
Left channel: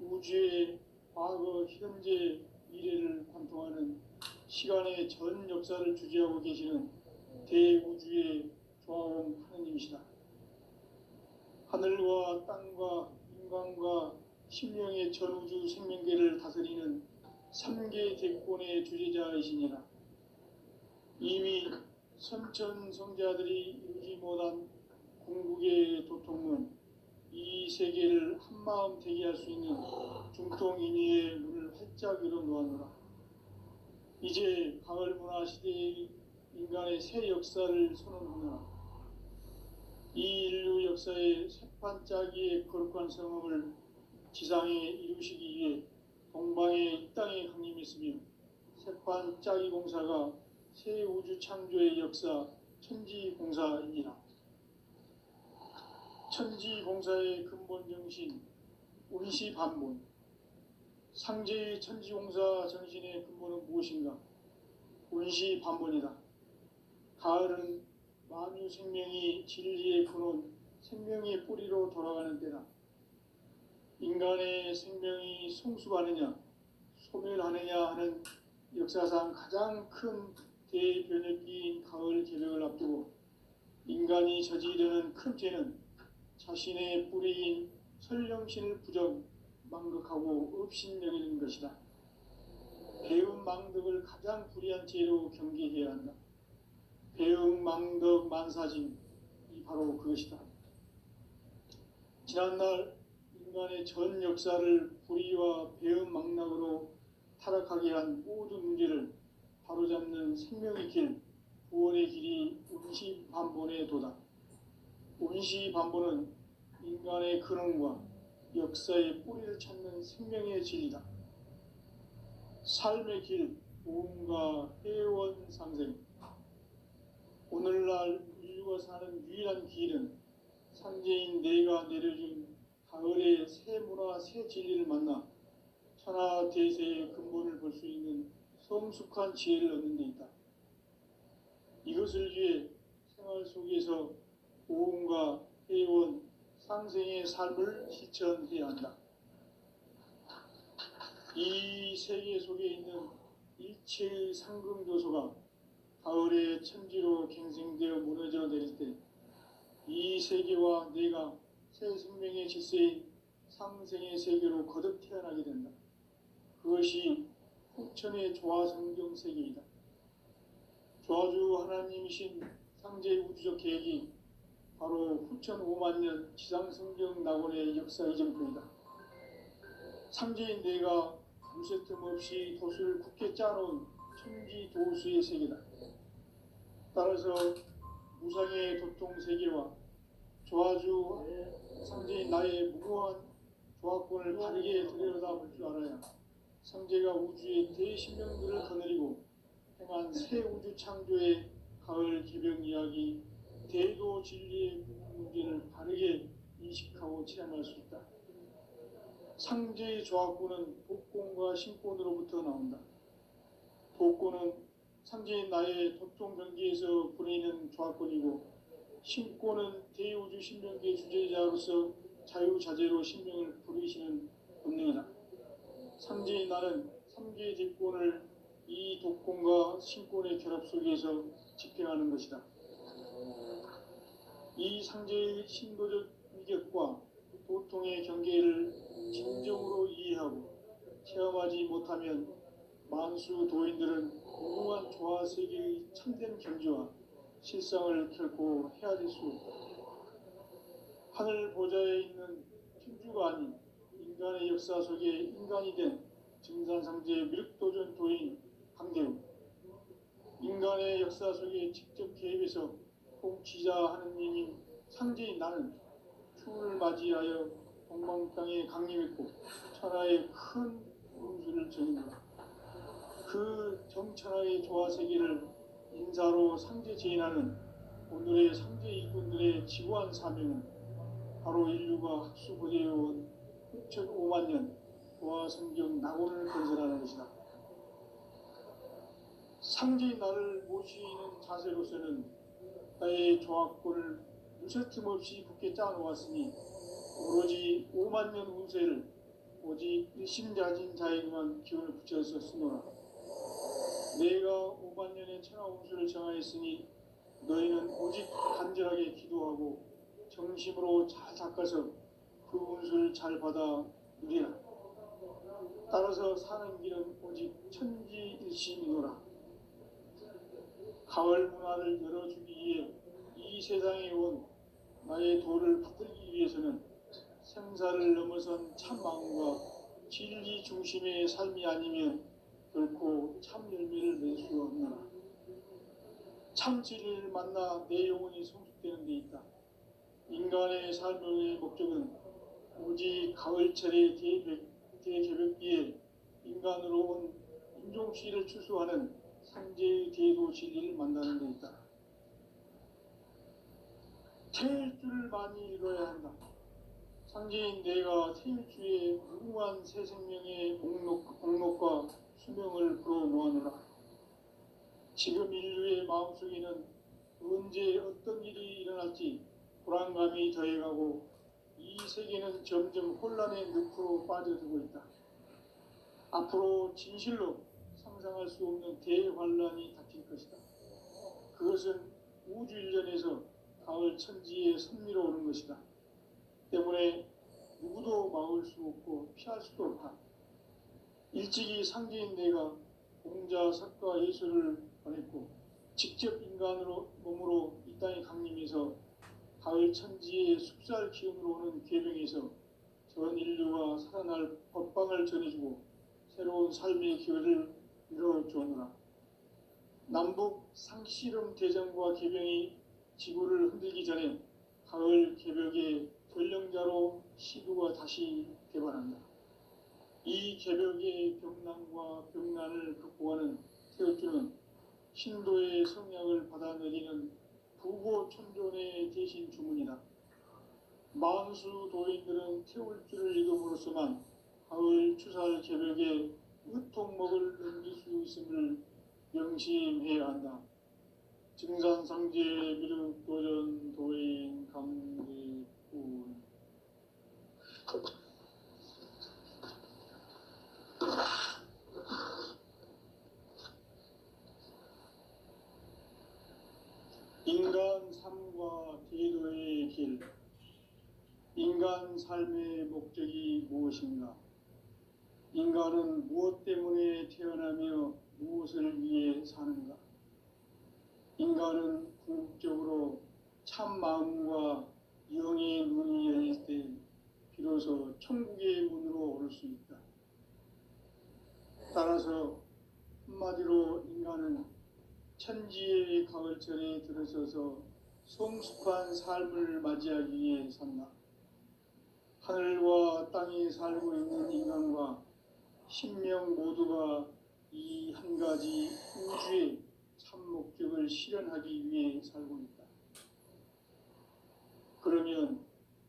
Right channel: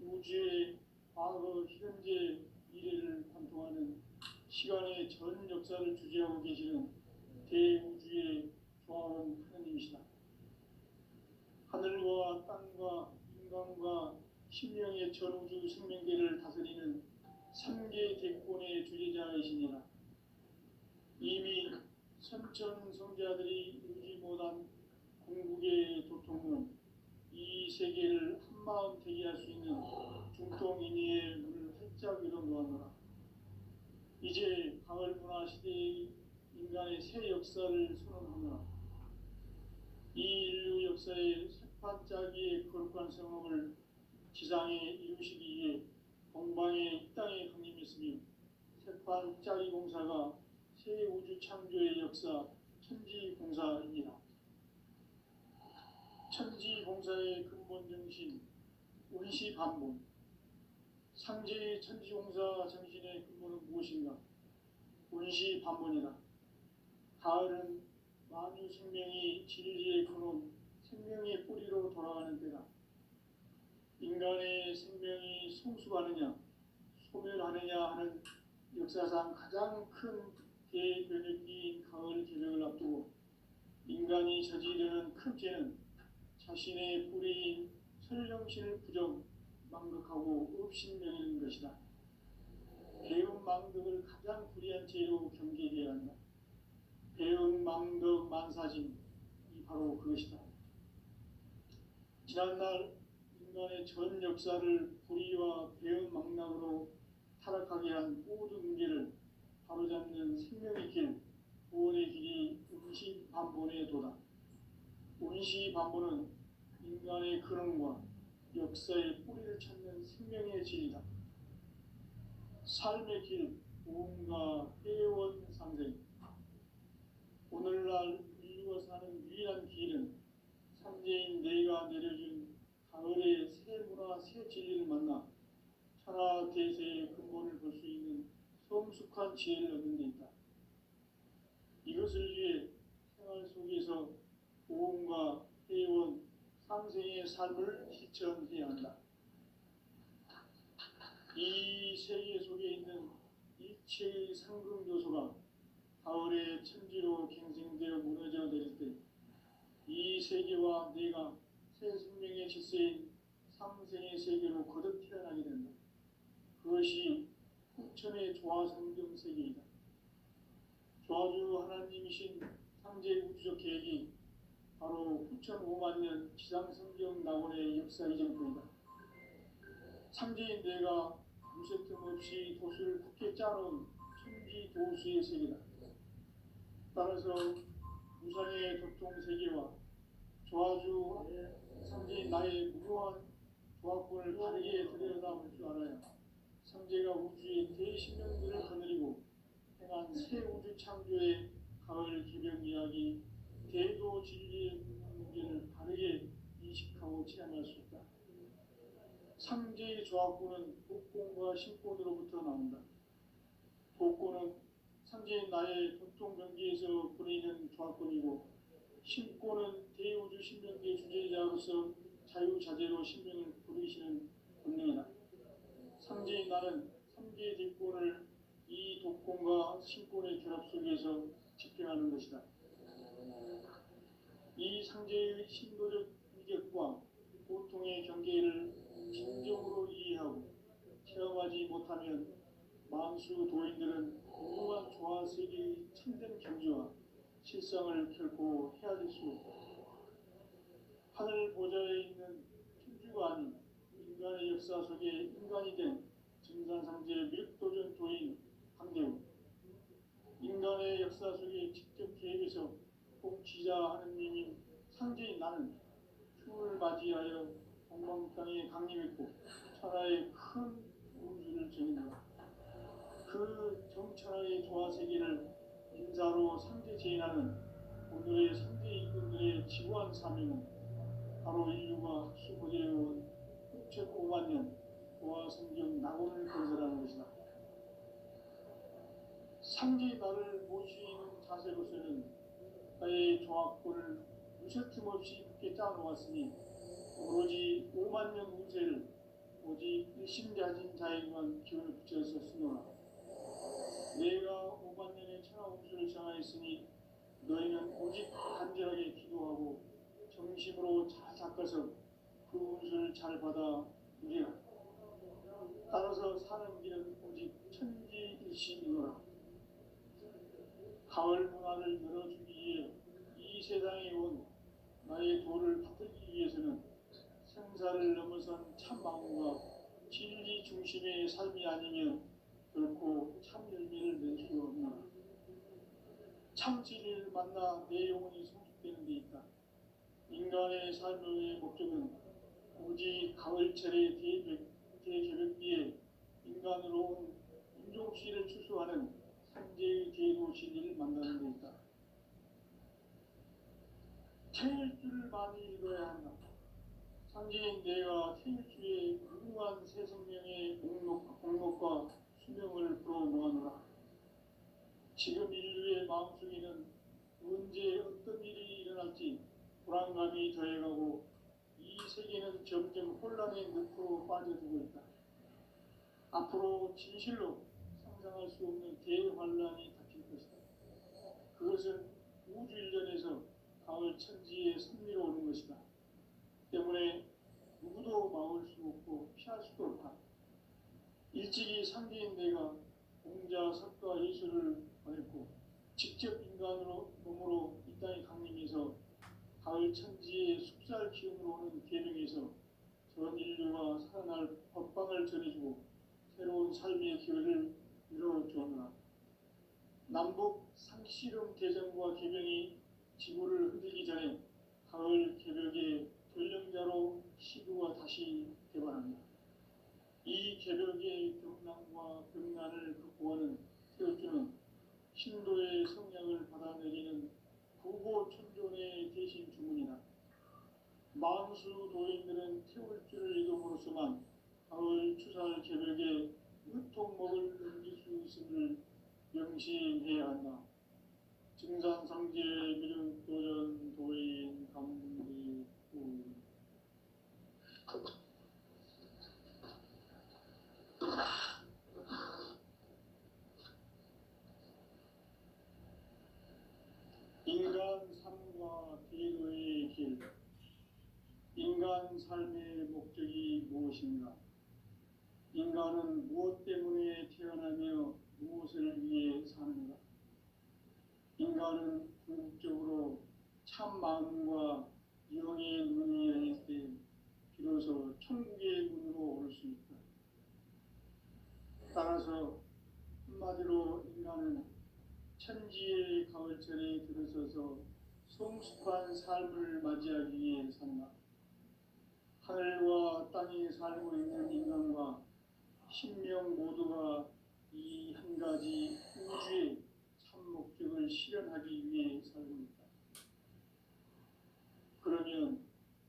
우주의 과거, 현재, 미래를 관통하는 시간의 전 역사를 주재하고 계시는 대우주의 조화원 하느님이시다. 하늘과 땅과 인간과 신명의 전우주 생명계를 다스리는 3개 대권의 주제자이시니라. 이미 선천 성자들이 이루지 못한 궁극의 도통은 이 세계를 한마음 되게 할 수 있는 중통인의의 문을 활짝 열어놓았노라. 이제 가을 문화 시대의 인간의 새 역사를 선언하노라. 이 인류 역사의 새판짜기의 거룩한 성음을 지상에 이루시기 위해 동방의 이 땅에 강림했으며 새판짜기 공사가 새 우주 창조의 역사 천지공사이니라. 천지공사의 근본 정신 운시반본. 상제의 천지공사 정신의 근본은 무엇인가? 운시반본이다. 가을은 만유 생명이 진리의 근원, 생명의 뿌리로 돌아가는 때다. 인간의 생명이 성숙하느냐, 소멸하느냐 하는 역사상 가장 큰 대변혁기인 가을 개벽을 앞두고 인간이 저지르는 큰 죄는 자신의 뿌리인 설령신을 부정, 망극하고 업신여기는 것이다. 배움 망덕을 가장 불의한 죄로 경계해야 한다. 배움 망덕 만사짐이 바로 그것이다. 지난날 인간의 전 역사를 불의와 배움 망락으로 타락하게 한 모든 문제를 바로잡는 생명의 길, 구원의 길이 운시반본의 도다. 운시반본은 인간의 근원과 역사의 뿌리를 찾는 생명의 진리다. 삶의 길, 보험과 회원 상생. 오늘날 인류가 사는 유일한 길은 상제인 내가 내려준 가을의 새 문화, 새 진리를 만나 천하 대세의 근본을 볼 수 있는 성숙한 지혜를 얻는 데 있다. 이것을 위해 생활 속에서 보험과 회원, 상생의 삶을 실천해야 한다. 이 세계 속에 있는 일체의 상금요소가 가을의 천지로 갱생되어 무너져 내릴 때 이 세계와 내가 새 생명의 질서인 상생의 세계로 거듭 태어나게 된다. 그것이 후천의 조화성경 세계이다. 조화주 하나님이신 상제 우주적 계획이 바로 후천 5만 년 지상성경 낙원의 역사 이전부이다. 상제인 내가 무쇠 틈 없이 도수를 굳게 짜놓은 천지 도수의 세계다. 따라서 무상의 도통 세계와 조화주 상제인 나의 무고한 조화권을 바르게 들여다볼 줄 알아야 상제가 우주의 대신명들을 거느리고 행한 새 우주 창조의 가을 개벽 이야기, 대도 진리의 문제를 바르게 인식하고 체험할 수 있다. 상제의 조화권은 복권과 신권으로부터 나온다. 복권은 상제인 나의 도통 경계에서 부리는 조화권이고, 신권은 대우주 신명계 주제자로서 자유자재로 신명을 부르시는 본능이다. 상제인 나는 3개의 대권을 이 독권과 신권의 결합 속에서 집행하는 것이다. 이 상제의 신도적 위격과 보통의 경계를 진정으로 이해하고 체험하지 못하면 만수 도인들은 무궁한 조화세계의 참된 경지와 실상을 결코 헤아릴 수 없다. 하늘 보좌에 있는 천주가 아닌 인간의 역사 속에 인간이 된 증산상제 미륵도전 도인 강대우. 인간의 역사 속에 직접 개입해서 지자 하느님인 상제인 나는 추운을 맞이하여 동방 땅에 강림했고 천하에 큰 운수를 정했노라. 그 정천하의 조화세계를 인사로 상제 제인하는 오늘의 상제 일꾼들의 지구한 사명은 바로 인류가 학수고대해온 6,500만 년 고화성경 낙원을 건설하는 것이다. 상제의 나를 모시는 자세로서는 나의 조합권을 무쇠틈 없이 굳게 짜놓았으니 오로지 5만 년 운세를 오직 일심자진 자에게만 기운을 붙여서 쓰노라. 내가 5만 년의 천하 운수를 정하였으니 너희는 오직 간절하게 기도하고 정심으로 잘 닦아서 그 운수를 잘 받아 누리라. 따라서 사는 길은 오직 천지일심이노라. 가을 문화를 열어주기 위해 이 세상에 온 나의 도를 받들기 위해서는 생사를 넘어선 참 마음과 진리 중심의 삶이 아니면 결코 참 열매를 낼 수 없노라. 참 진리를 만나 내 영혼이 성숙되는 데 있다. 인간의 삶의 목적은 오직 가을철의 대개벽기에 인간으로 온 인종씨를 추수하는 상제의 대도 진리를 만나는 데 있다. 태일주를 많이 읽어야 한다. 상제인 내가 태일주의 무궁한 새 생명의 목록과 수명을 불어놓아노라. 지금 인류의 마음속에는 언제 어떤 일이 일어날지 불안감이 더해가고 이 세계는 점점 혼란의 늪으로 빠져들고 있다. 앞으로 진실로 상상할 수 없는 대환란이 닥칠 것이다. 그것은 우주 일련에서 가을 천지에 선미로 오는 것이다. 때문에 누구도 막을 수 없고 피할 수도 없다. 일찍이 상제인 내가 공자, 석가, 예수를 보냈고 직접 인간으로 몸으로 이 땅에 강림해서 가을 천지의 숲살 기운으로 오는 계명에서 전 인류가 살아날 법방을 전해주고 새로운 삶의 기회를 이뤄주었노라. 남북 상씨름 대전과 계병이 지구를 흔들기 전에 가을 개벽의 전령자로 시구가 다시 개발한다. 이 개벽의 병난과 병난을 극복하는 태울주는 신도의 성약을 받아내리는 부고천존의 대신 주문이다. 만수 도인들은 태울주를 읽음으로써만 가을 추살 개벽에 의통목을 넘길 수 있음을 명심해야 한다. 증산상제 미륵도전 도인 강대군. 인간 삶과 대도의 길. 인간 삶의 목적이 무엇인가? 인간은 무엇 때문에 태어나며 무엇을 위해 사는가? 인간은 궁극적으로 참 마음과 영의 문이 열릴 때 비로소 천국의 문으로 오를 수 있다. 따라서 한마디로 인간은 천지의 가을철에 들어서서 성숙한 삶을 맞이하기 위해 산다. 하늘과 땅에 살고 있는 인간과 신명 모두가 이 한 가지 우주의 참 목적을 실현하기 위해 살고 있다. 그러면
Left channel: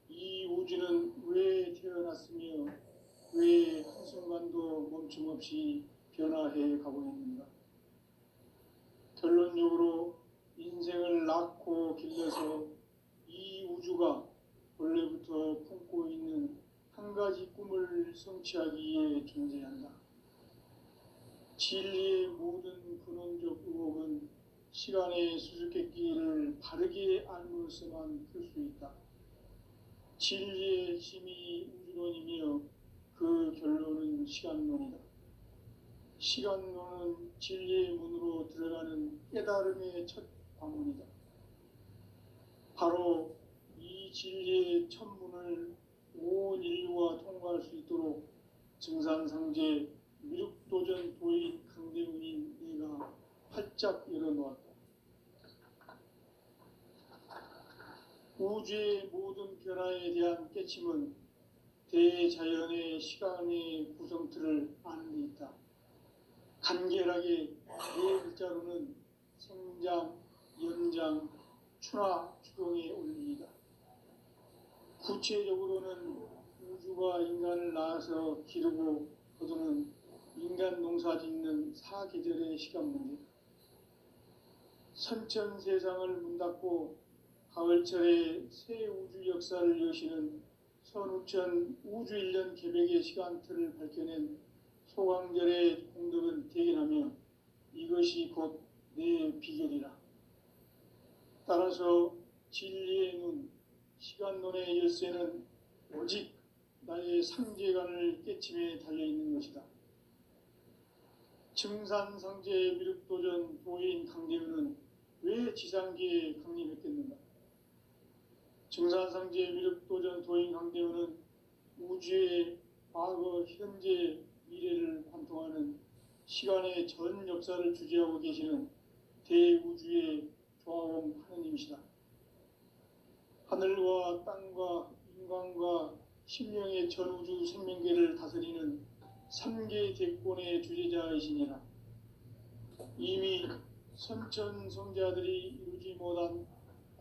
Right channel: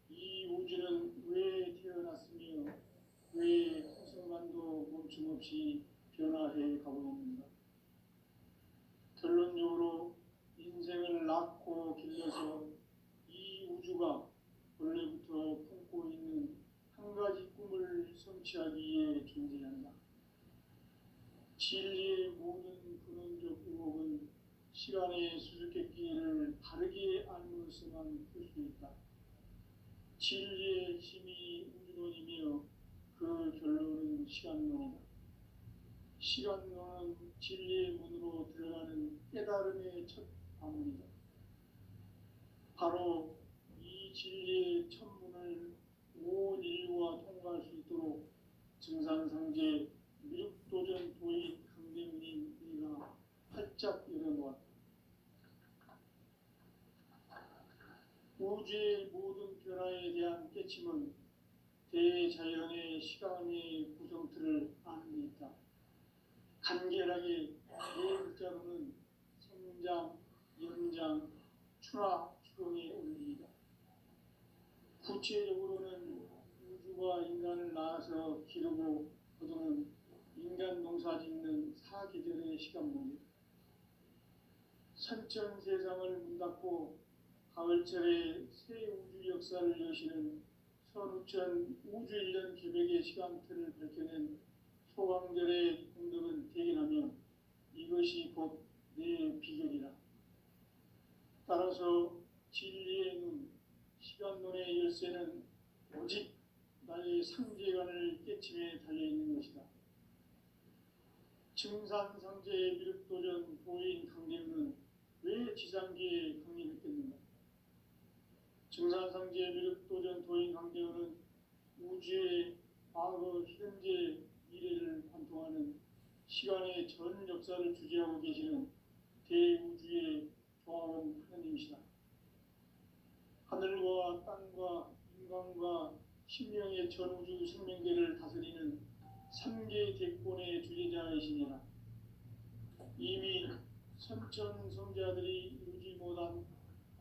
이 우주는 왜 태어났으며 왜 한순간도 멈춤없이 변화해 가고 있는가? 결론적으로 인생을 낳고 길러서 이 우주가 원래부터 품고 있는 한 가지 꿈을 성취하기 위해 존재한다. 진리의 모든 근원적 의혹은 시간의 수수께끼를 바르게 알므로서만 풀 수 있다. 진리의 핵심이 우주론이며 그 결론은 시간론이다. 시간론은 진리의 문으로 들어가는 깨달음의 첫 관문이다. 바로 이 진리의 첫 문을 온 인류가 통과할 수 있도록 증산상제 미륵도전 도인 강대훈인 내가 활짝 열어놓았다. 우주의 모든 변화에 대한 깨침은 대자연의 시간의 구성틀을 아는 데 있다. 간결하게 네 글자로는 생장, 연장, 추나 추동의 원리이다. 구체적으로는 우주가 인간을 낳아서 기르고 거두는 인간 농사 짓는 사계절의 시간 문제. 선천 세상을 문 닫고 가을철에 새 우주 역사를 여시는 선우천 우주 1년 개벽의 시간틀을 밝혀낸 소강절의 공덕은 대견하며 이것이 곧 내 비결이라. 따라서 진리의 눈, 시간론의 열쇠는 오직 나의 상제관을 깨침에 달려있는 것이다. 증산상제 미륵도전 도인 강대우는 왜 지상계에 강림했겠는가? 증산상제 미륵도전 도인 강대우는 우주의 과거, 현재, 미래를 관통하는 시간의 전 역사를 주재하고 계시는 대우주의 조화원 하느님이시다. 하늘과 땅과 인간과 신명의 전우주 생명계를 다스리는 3개 대권의 주제자이시니라. 이미 선천성자들이 이루지 못한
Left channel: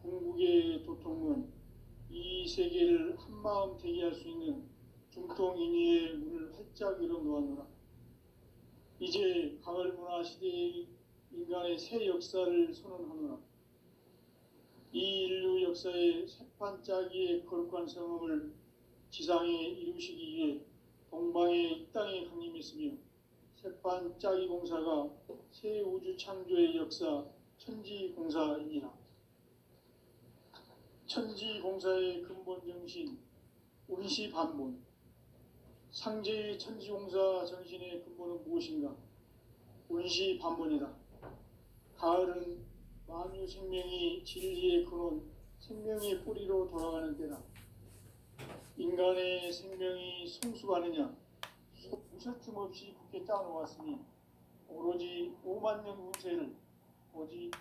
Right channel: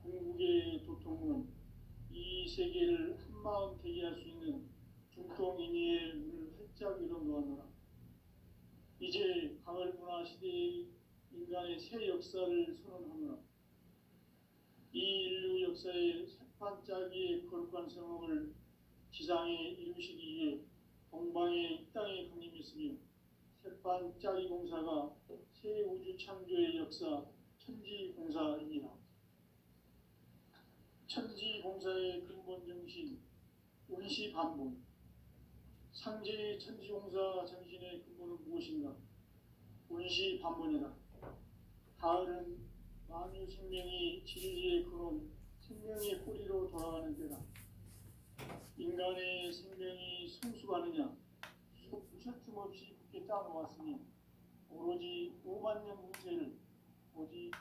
궁극의 도통은 이 세계를 한마음 되게 할 수 있는 중통인의의 문을 활짝 열어놓았노라. 이제 가을 문화 시대의 인간의 새 역사를 선언하노라. 이 인류 역사의 새판짜기의 거룩한 성험을 지상에 이루시기 위해 동방의 이 땅에 강림했으며 새판짜기 공사가 새 우주 창조의 역사 천지공사이니라. 천지공사의 근본 정신 운시반본. 상제의 천지공사 정신의 근본은 무엇인가? 운시반본이다. 가을은 만유 생명이 진리의 근원, 생명의 뿌리로 돌아가는 때다. 인간의 생명이 성숙하느냐? 무셔춤 없이 굳게 짜놓았으니 오로지 5만 년 운세를 오직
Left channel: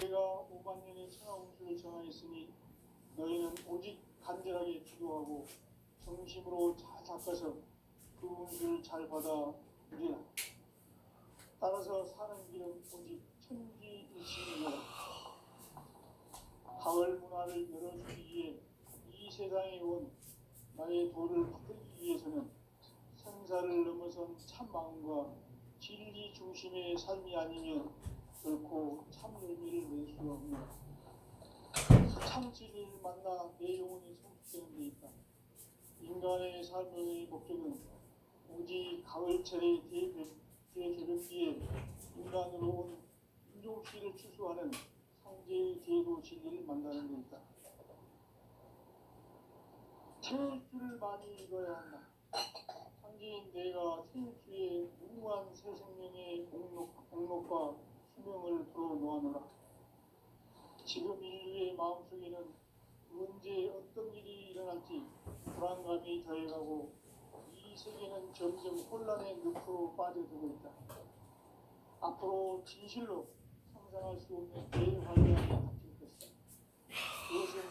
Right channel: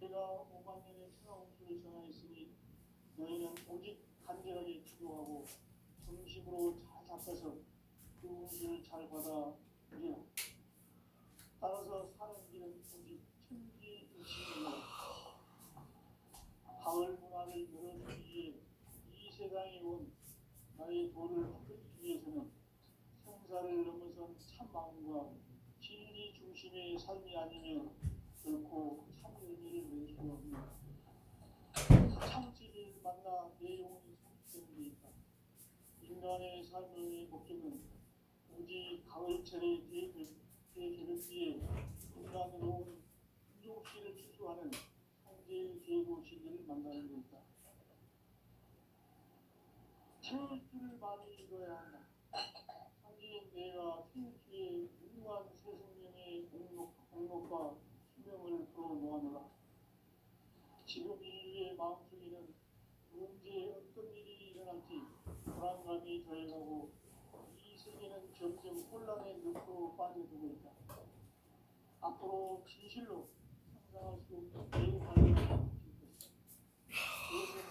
내가 5만 년의 천하운수를 정하였으니 너희는 오직 간절하게 기도하고 정심으로 잘 닦아서 그 운수를 잘 받아 우리라. 따라서 사는 길은 오직 천지일치이므로 가을 문화를 열어주기 위해 이 세상에 온 나의 도를 받기 위해서는 생사를 넘어선 참 마음과 진리 중심의 삶이 아니면 결코 참 의미를 낼 수 없는 참 진리를 만나 내 영혼이 성숙되는 데 있다. 인간의 삶의 목적은 오직 가을철의 대개벽기에 인간으로 온 인종씨를 추수하는 상제의 제도 진리를 만나는 데 있다. 태일주를 많이 읽어야 한다. 상제인 내가 태일주의 무궁한 새 생명의 공록과 수명을 불어놓아노라. 지금 인류의 마음속에는 언제 어떤 일이 일어날지 불안감이 더해가고 이 세계는 점점 혼란의 늪으로 빠져들고 있다. 앞으로 진실로 상상할 수 없는 대환란이 닥칠 것이다. 그것은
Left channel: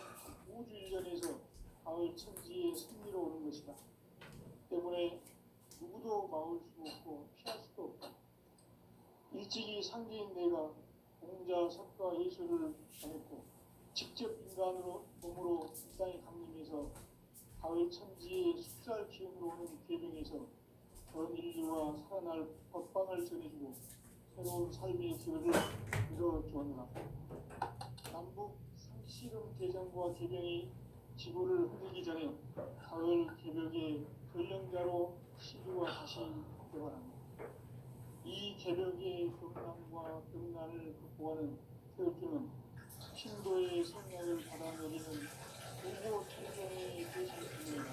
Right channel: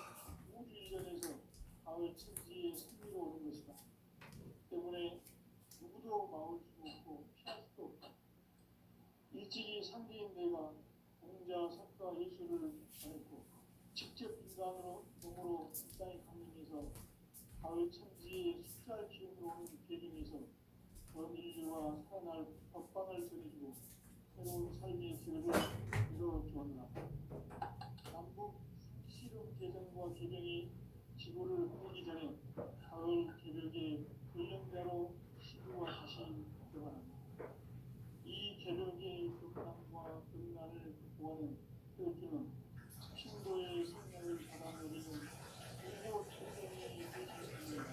우주 일전에서 가을 천지의 승리로 오는 것이다. 때문에 누구도 막을 수 없고 피할 수도 없다. 일찍이 상제인 내가 공자, 석가, 예수를 전했고 직접 인간으로 몸으로 이 땅에 강림해서 가을 천지의 숫살 기운으로 오는 계명에서 전 인류와 살아날 법방을 전해주고 새로운 삶의 기회를 이뤄주었노라. 남북 상씨름 대전과 개병이 지구를 흔들기 전에 가을 개벽의 전령자로 시주가 다시 복병합니다. 이 개벽의 극남과 극난을 극복하는 태극기는 신도의 생명을 받아들이는 일곱 천년의 대신입니다.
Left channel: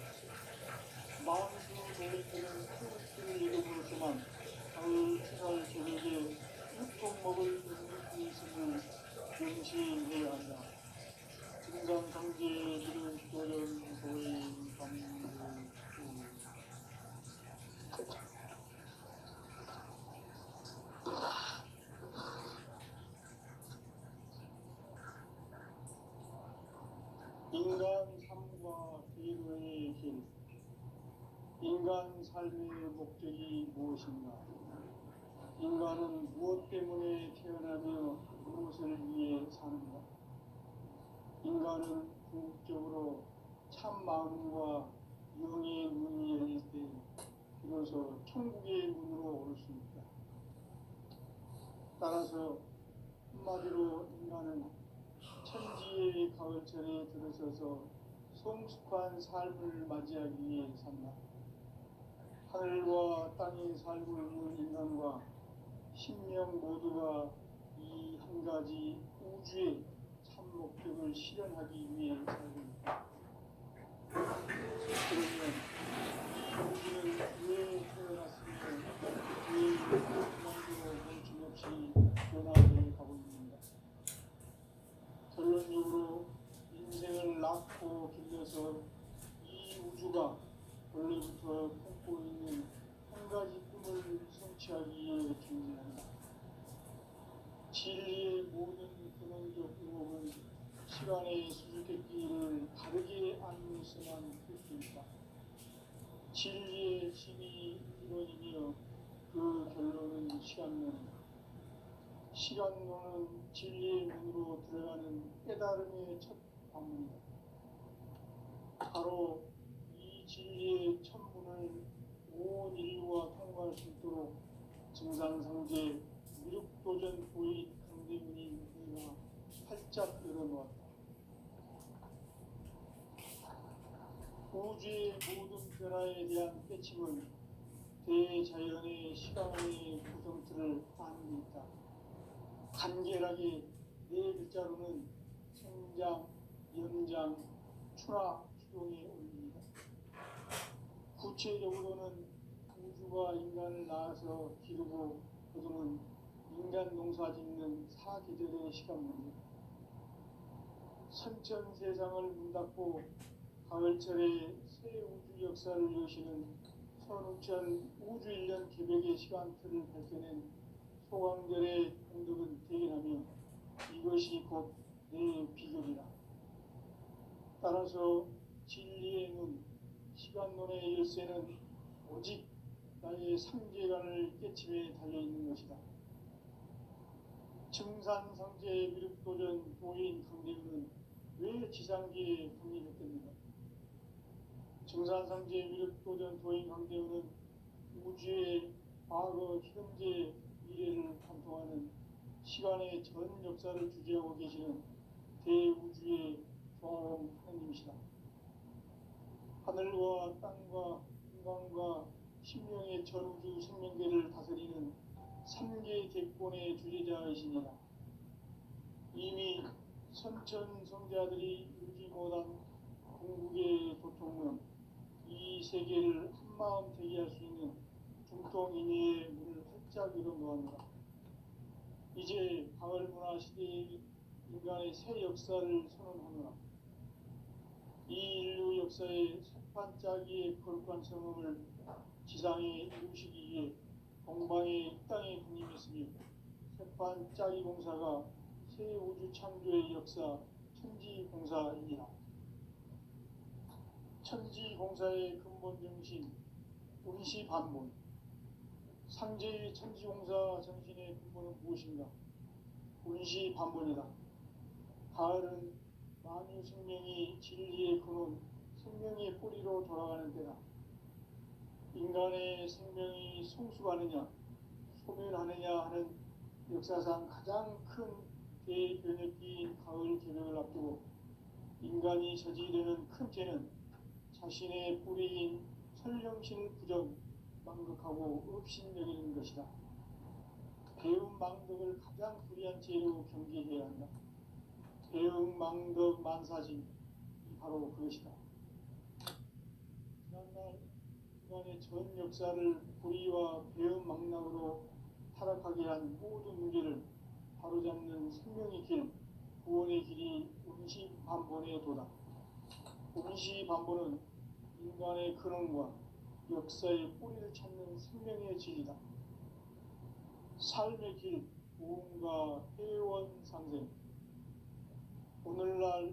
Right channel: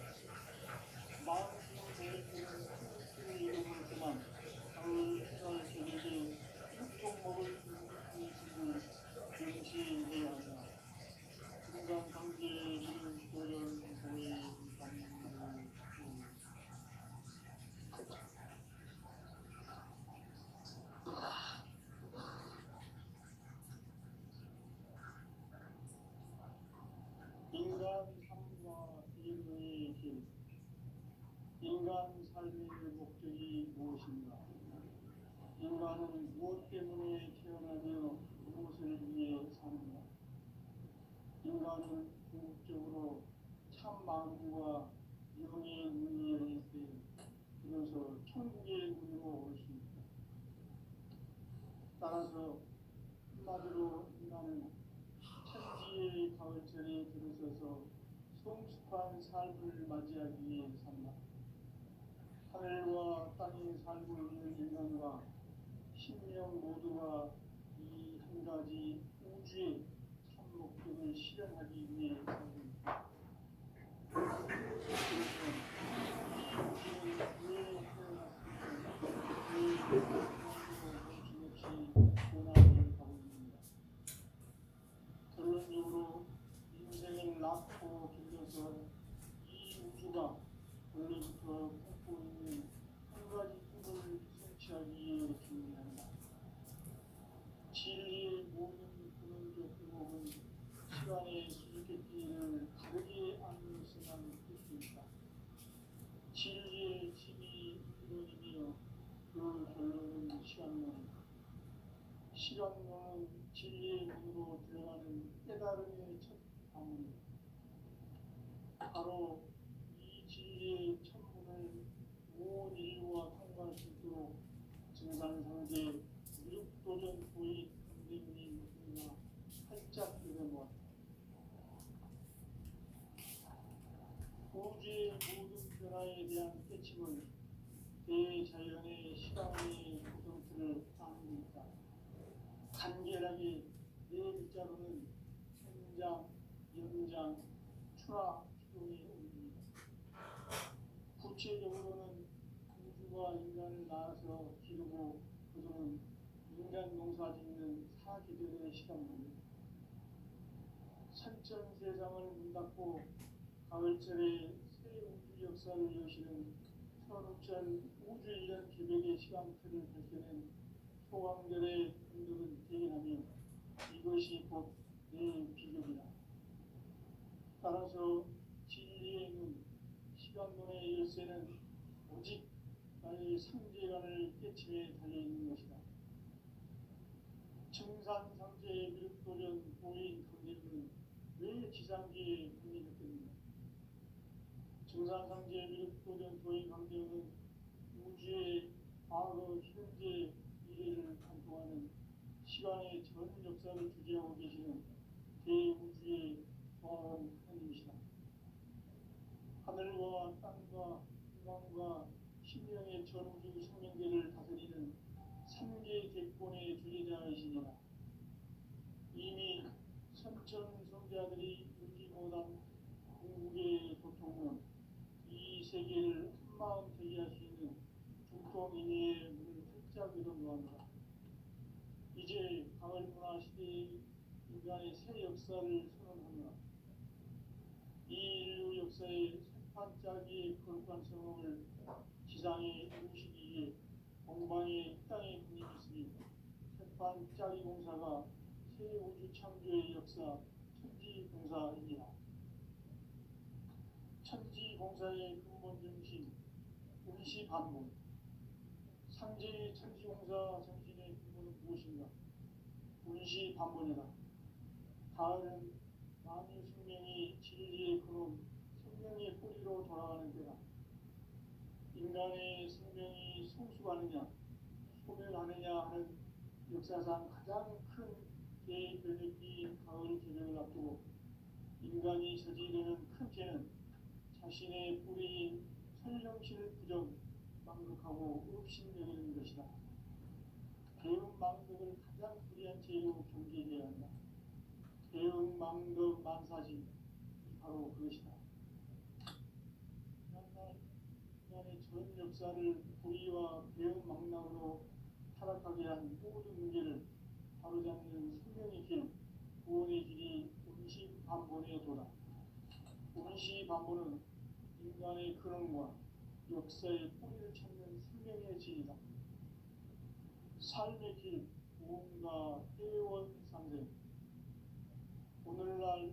마음으로 너희들은 태극기를 이름으로서만 가을 추살 개벽의 육통 먹을 있음을 명시해야 한다. 금강 강제 이름 도연 도인 강구 삶의 목적이 무엇인가? 인간은 무엇 때문에 태어나며 무엇을 위해 사는가? 인간은 궁극적으로 참 마음과 영의 눈이 열릴 때 비로소 천국의 문으로 올 수 있다. 따라서 한마디로 인간은 천지의 가을철에 들어서서 성숙한 삶을 맞이하기 위해 산다. 하늘과 땅에 살고 있는 인간과 신명 모두가 이 한 가지 우주의 참 목적을 실현하기 위해 살고 있다. 그러면 우주는 왜 태어났으며 왜 인간으로 멈춤없이 변화해 가고 있는가? 결론적으로 인생을 낳고 길러서 이 우주가 원래부터 품고 있는 한 가지 꿈을 성취하기 위해 존재한다. 진리의 모든 근원적 의혹은 시간의 수수께끼를 바르게 알면서만 풀 수 있다. 진리의 진이 이론이며 그 결론은 시간론이다. 시간론은 진리의 문으로 들어가는 깨달음의 첫 방문이다. 바로 이 진리의 천문을 온 인류가 통과할 수 있도록 증산상제 미륵도전 도의 강대문이 활짝 열어놓았다. 우주의 모든 변화에 대한 깨침은 대자연의 시간의 구성틀을 아는 있다. 간결하게 네 글자로는 생장, 연장, 추락, 추동에 올립니다. 구체적으로는 우주가 인간을 낳아서 기르고 거두는 인간 농사 짓는 사계절의 시간입니다. 선천 세상을 문 닫고 가을철에 새 우주 역사를 여시는 선우천 우주 1년 기백의 시간틀을 밝혀낸 소강절의 공덕은 대견하며 이것이 곧 내 비결이다. 따라서 진리의 눈, 시간론의 열쇠는 오직 나의 상제관을 깨침에 달려있는 것이다. 증산상제 미륵도전 도인 강대문은 왜 지상계에 분리됐겠는가? 증산상제 미륵도전 도인 강대문은 우주의 과거, 현재, 미래를 관통하는 시간의 전 역사를 주재하고 계시는 대우주의 조화원 하나님이시다. 하늘과 땅과 인간과 신명의 전우주 생명계를 다스리는 삼계 대권의 주제자이시니라. 이미 선천 성자들이 이루지 못한 궁극의 도통은 이 세계를 한마음 되게 할 수 있는 중통인의 문을 활짝 열어놓았다. 이제 가을 문화 시대의 인간의 새 역사를 선언하노라. 이 인류 역사의 새반짝이의 거룩한 성음을 지상에 이루시기 위해 동방의 이 땅에 군림했으며 새반짝이 공사가 새 우주 창조의 역사 천지공사입니다. 천지공사의 근본 정신 운시반문. 상제의 천지공사 정신의 근본은 무엇인가? 운시반문이다. 가을은 만유 생명이 진리의 근원, 생명의 뿌리로 돌아가는 때다. 인간의 생명이 성숙하느냐, 소멸하느냐 하는 역사상 가장 큰 대변혁기인 가을 개벽을 앞두고 인간이 저지르는 큰 죄는 자신의 뿌리인 설령신을 부정, 망극하고 업신여기는 것이다. 배움 망덕을 가장 불의한 죄로 경계해야 한다. 배움 망덕 만사지 바로 그것이다. 지난날 인간의 전 역사를 불의와 배움 망락으로 타락하게 한 모든 문제를 바로잡는 생명의 길, 구원의 길이 운시반본의 도다. 운시반본은 인간의 근원과 역사의 뿌리를 찾는 생명의 진이다. 삶의 길, 무언가 회원상생,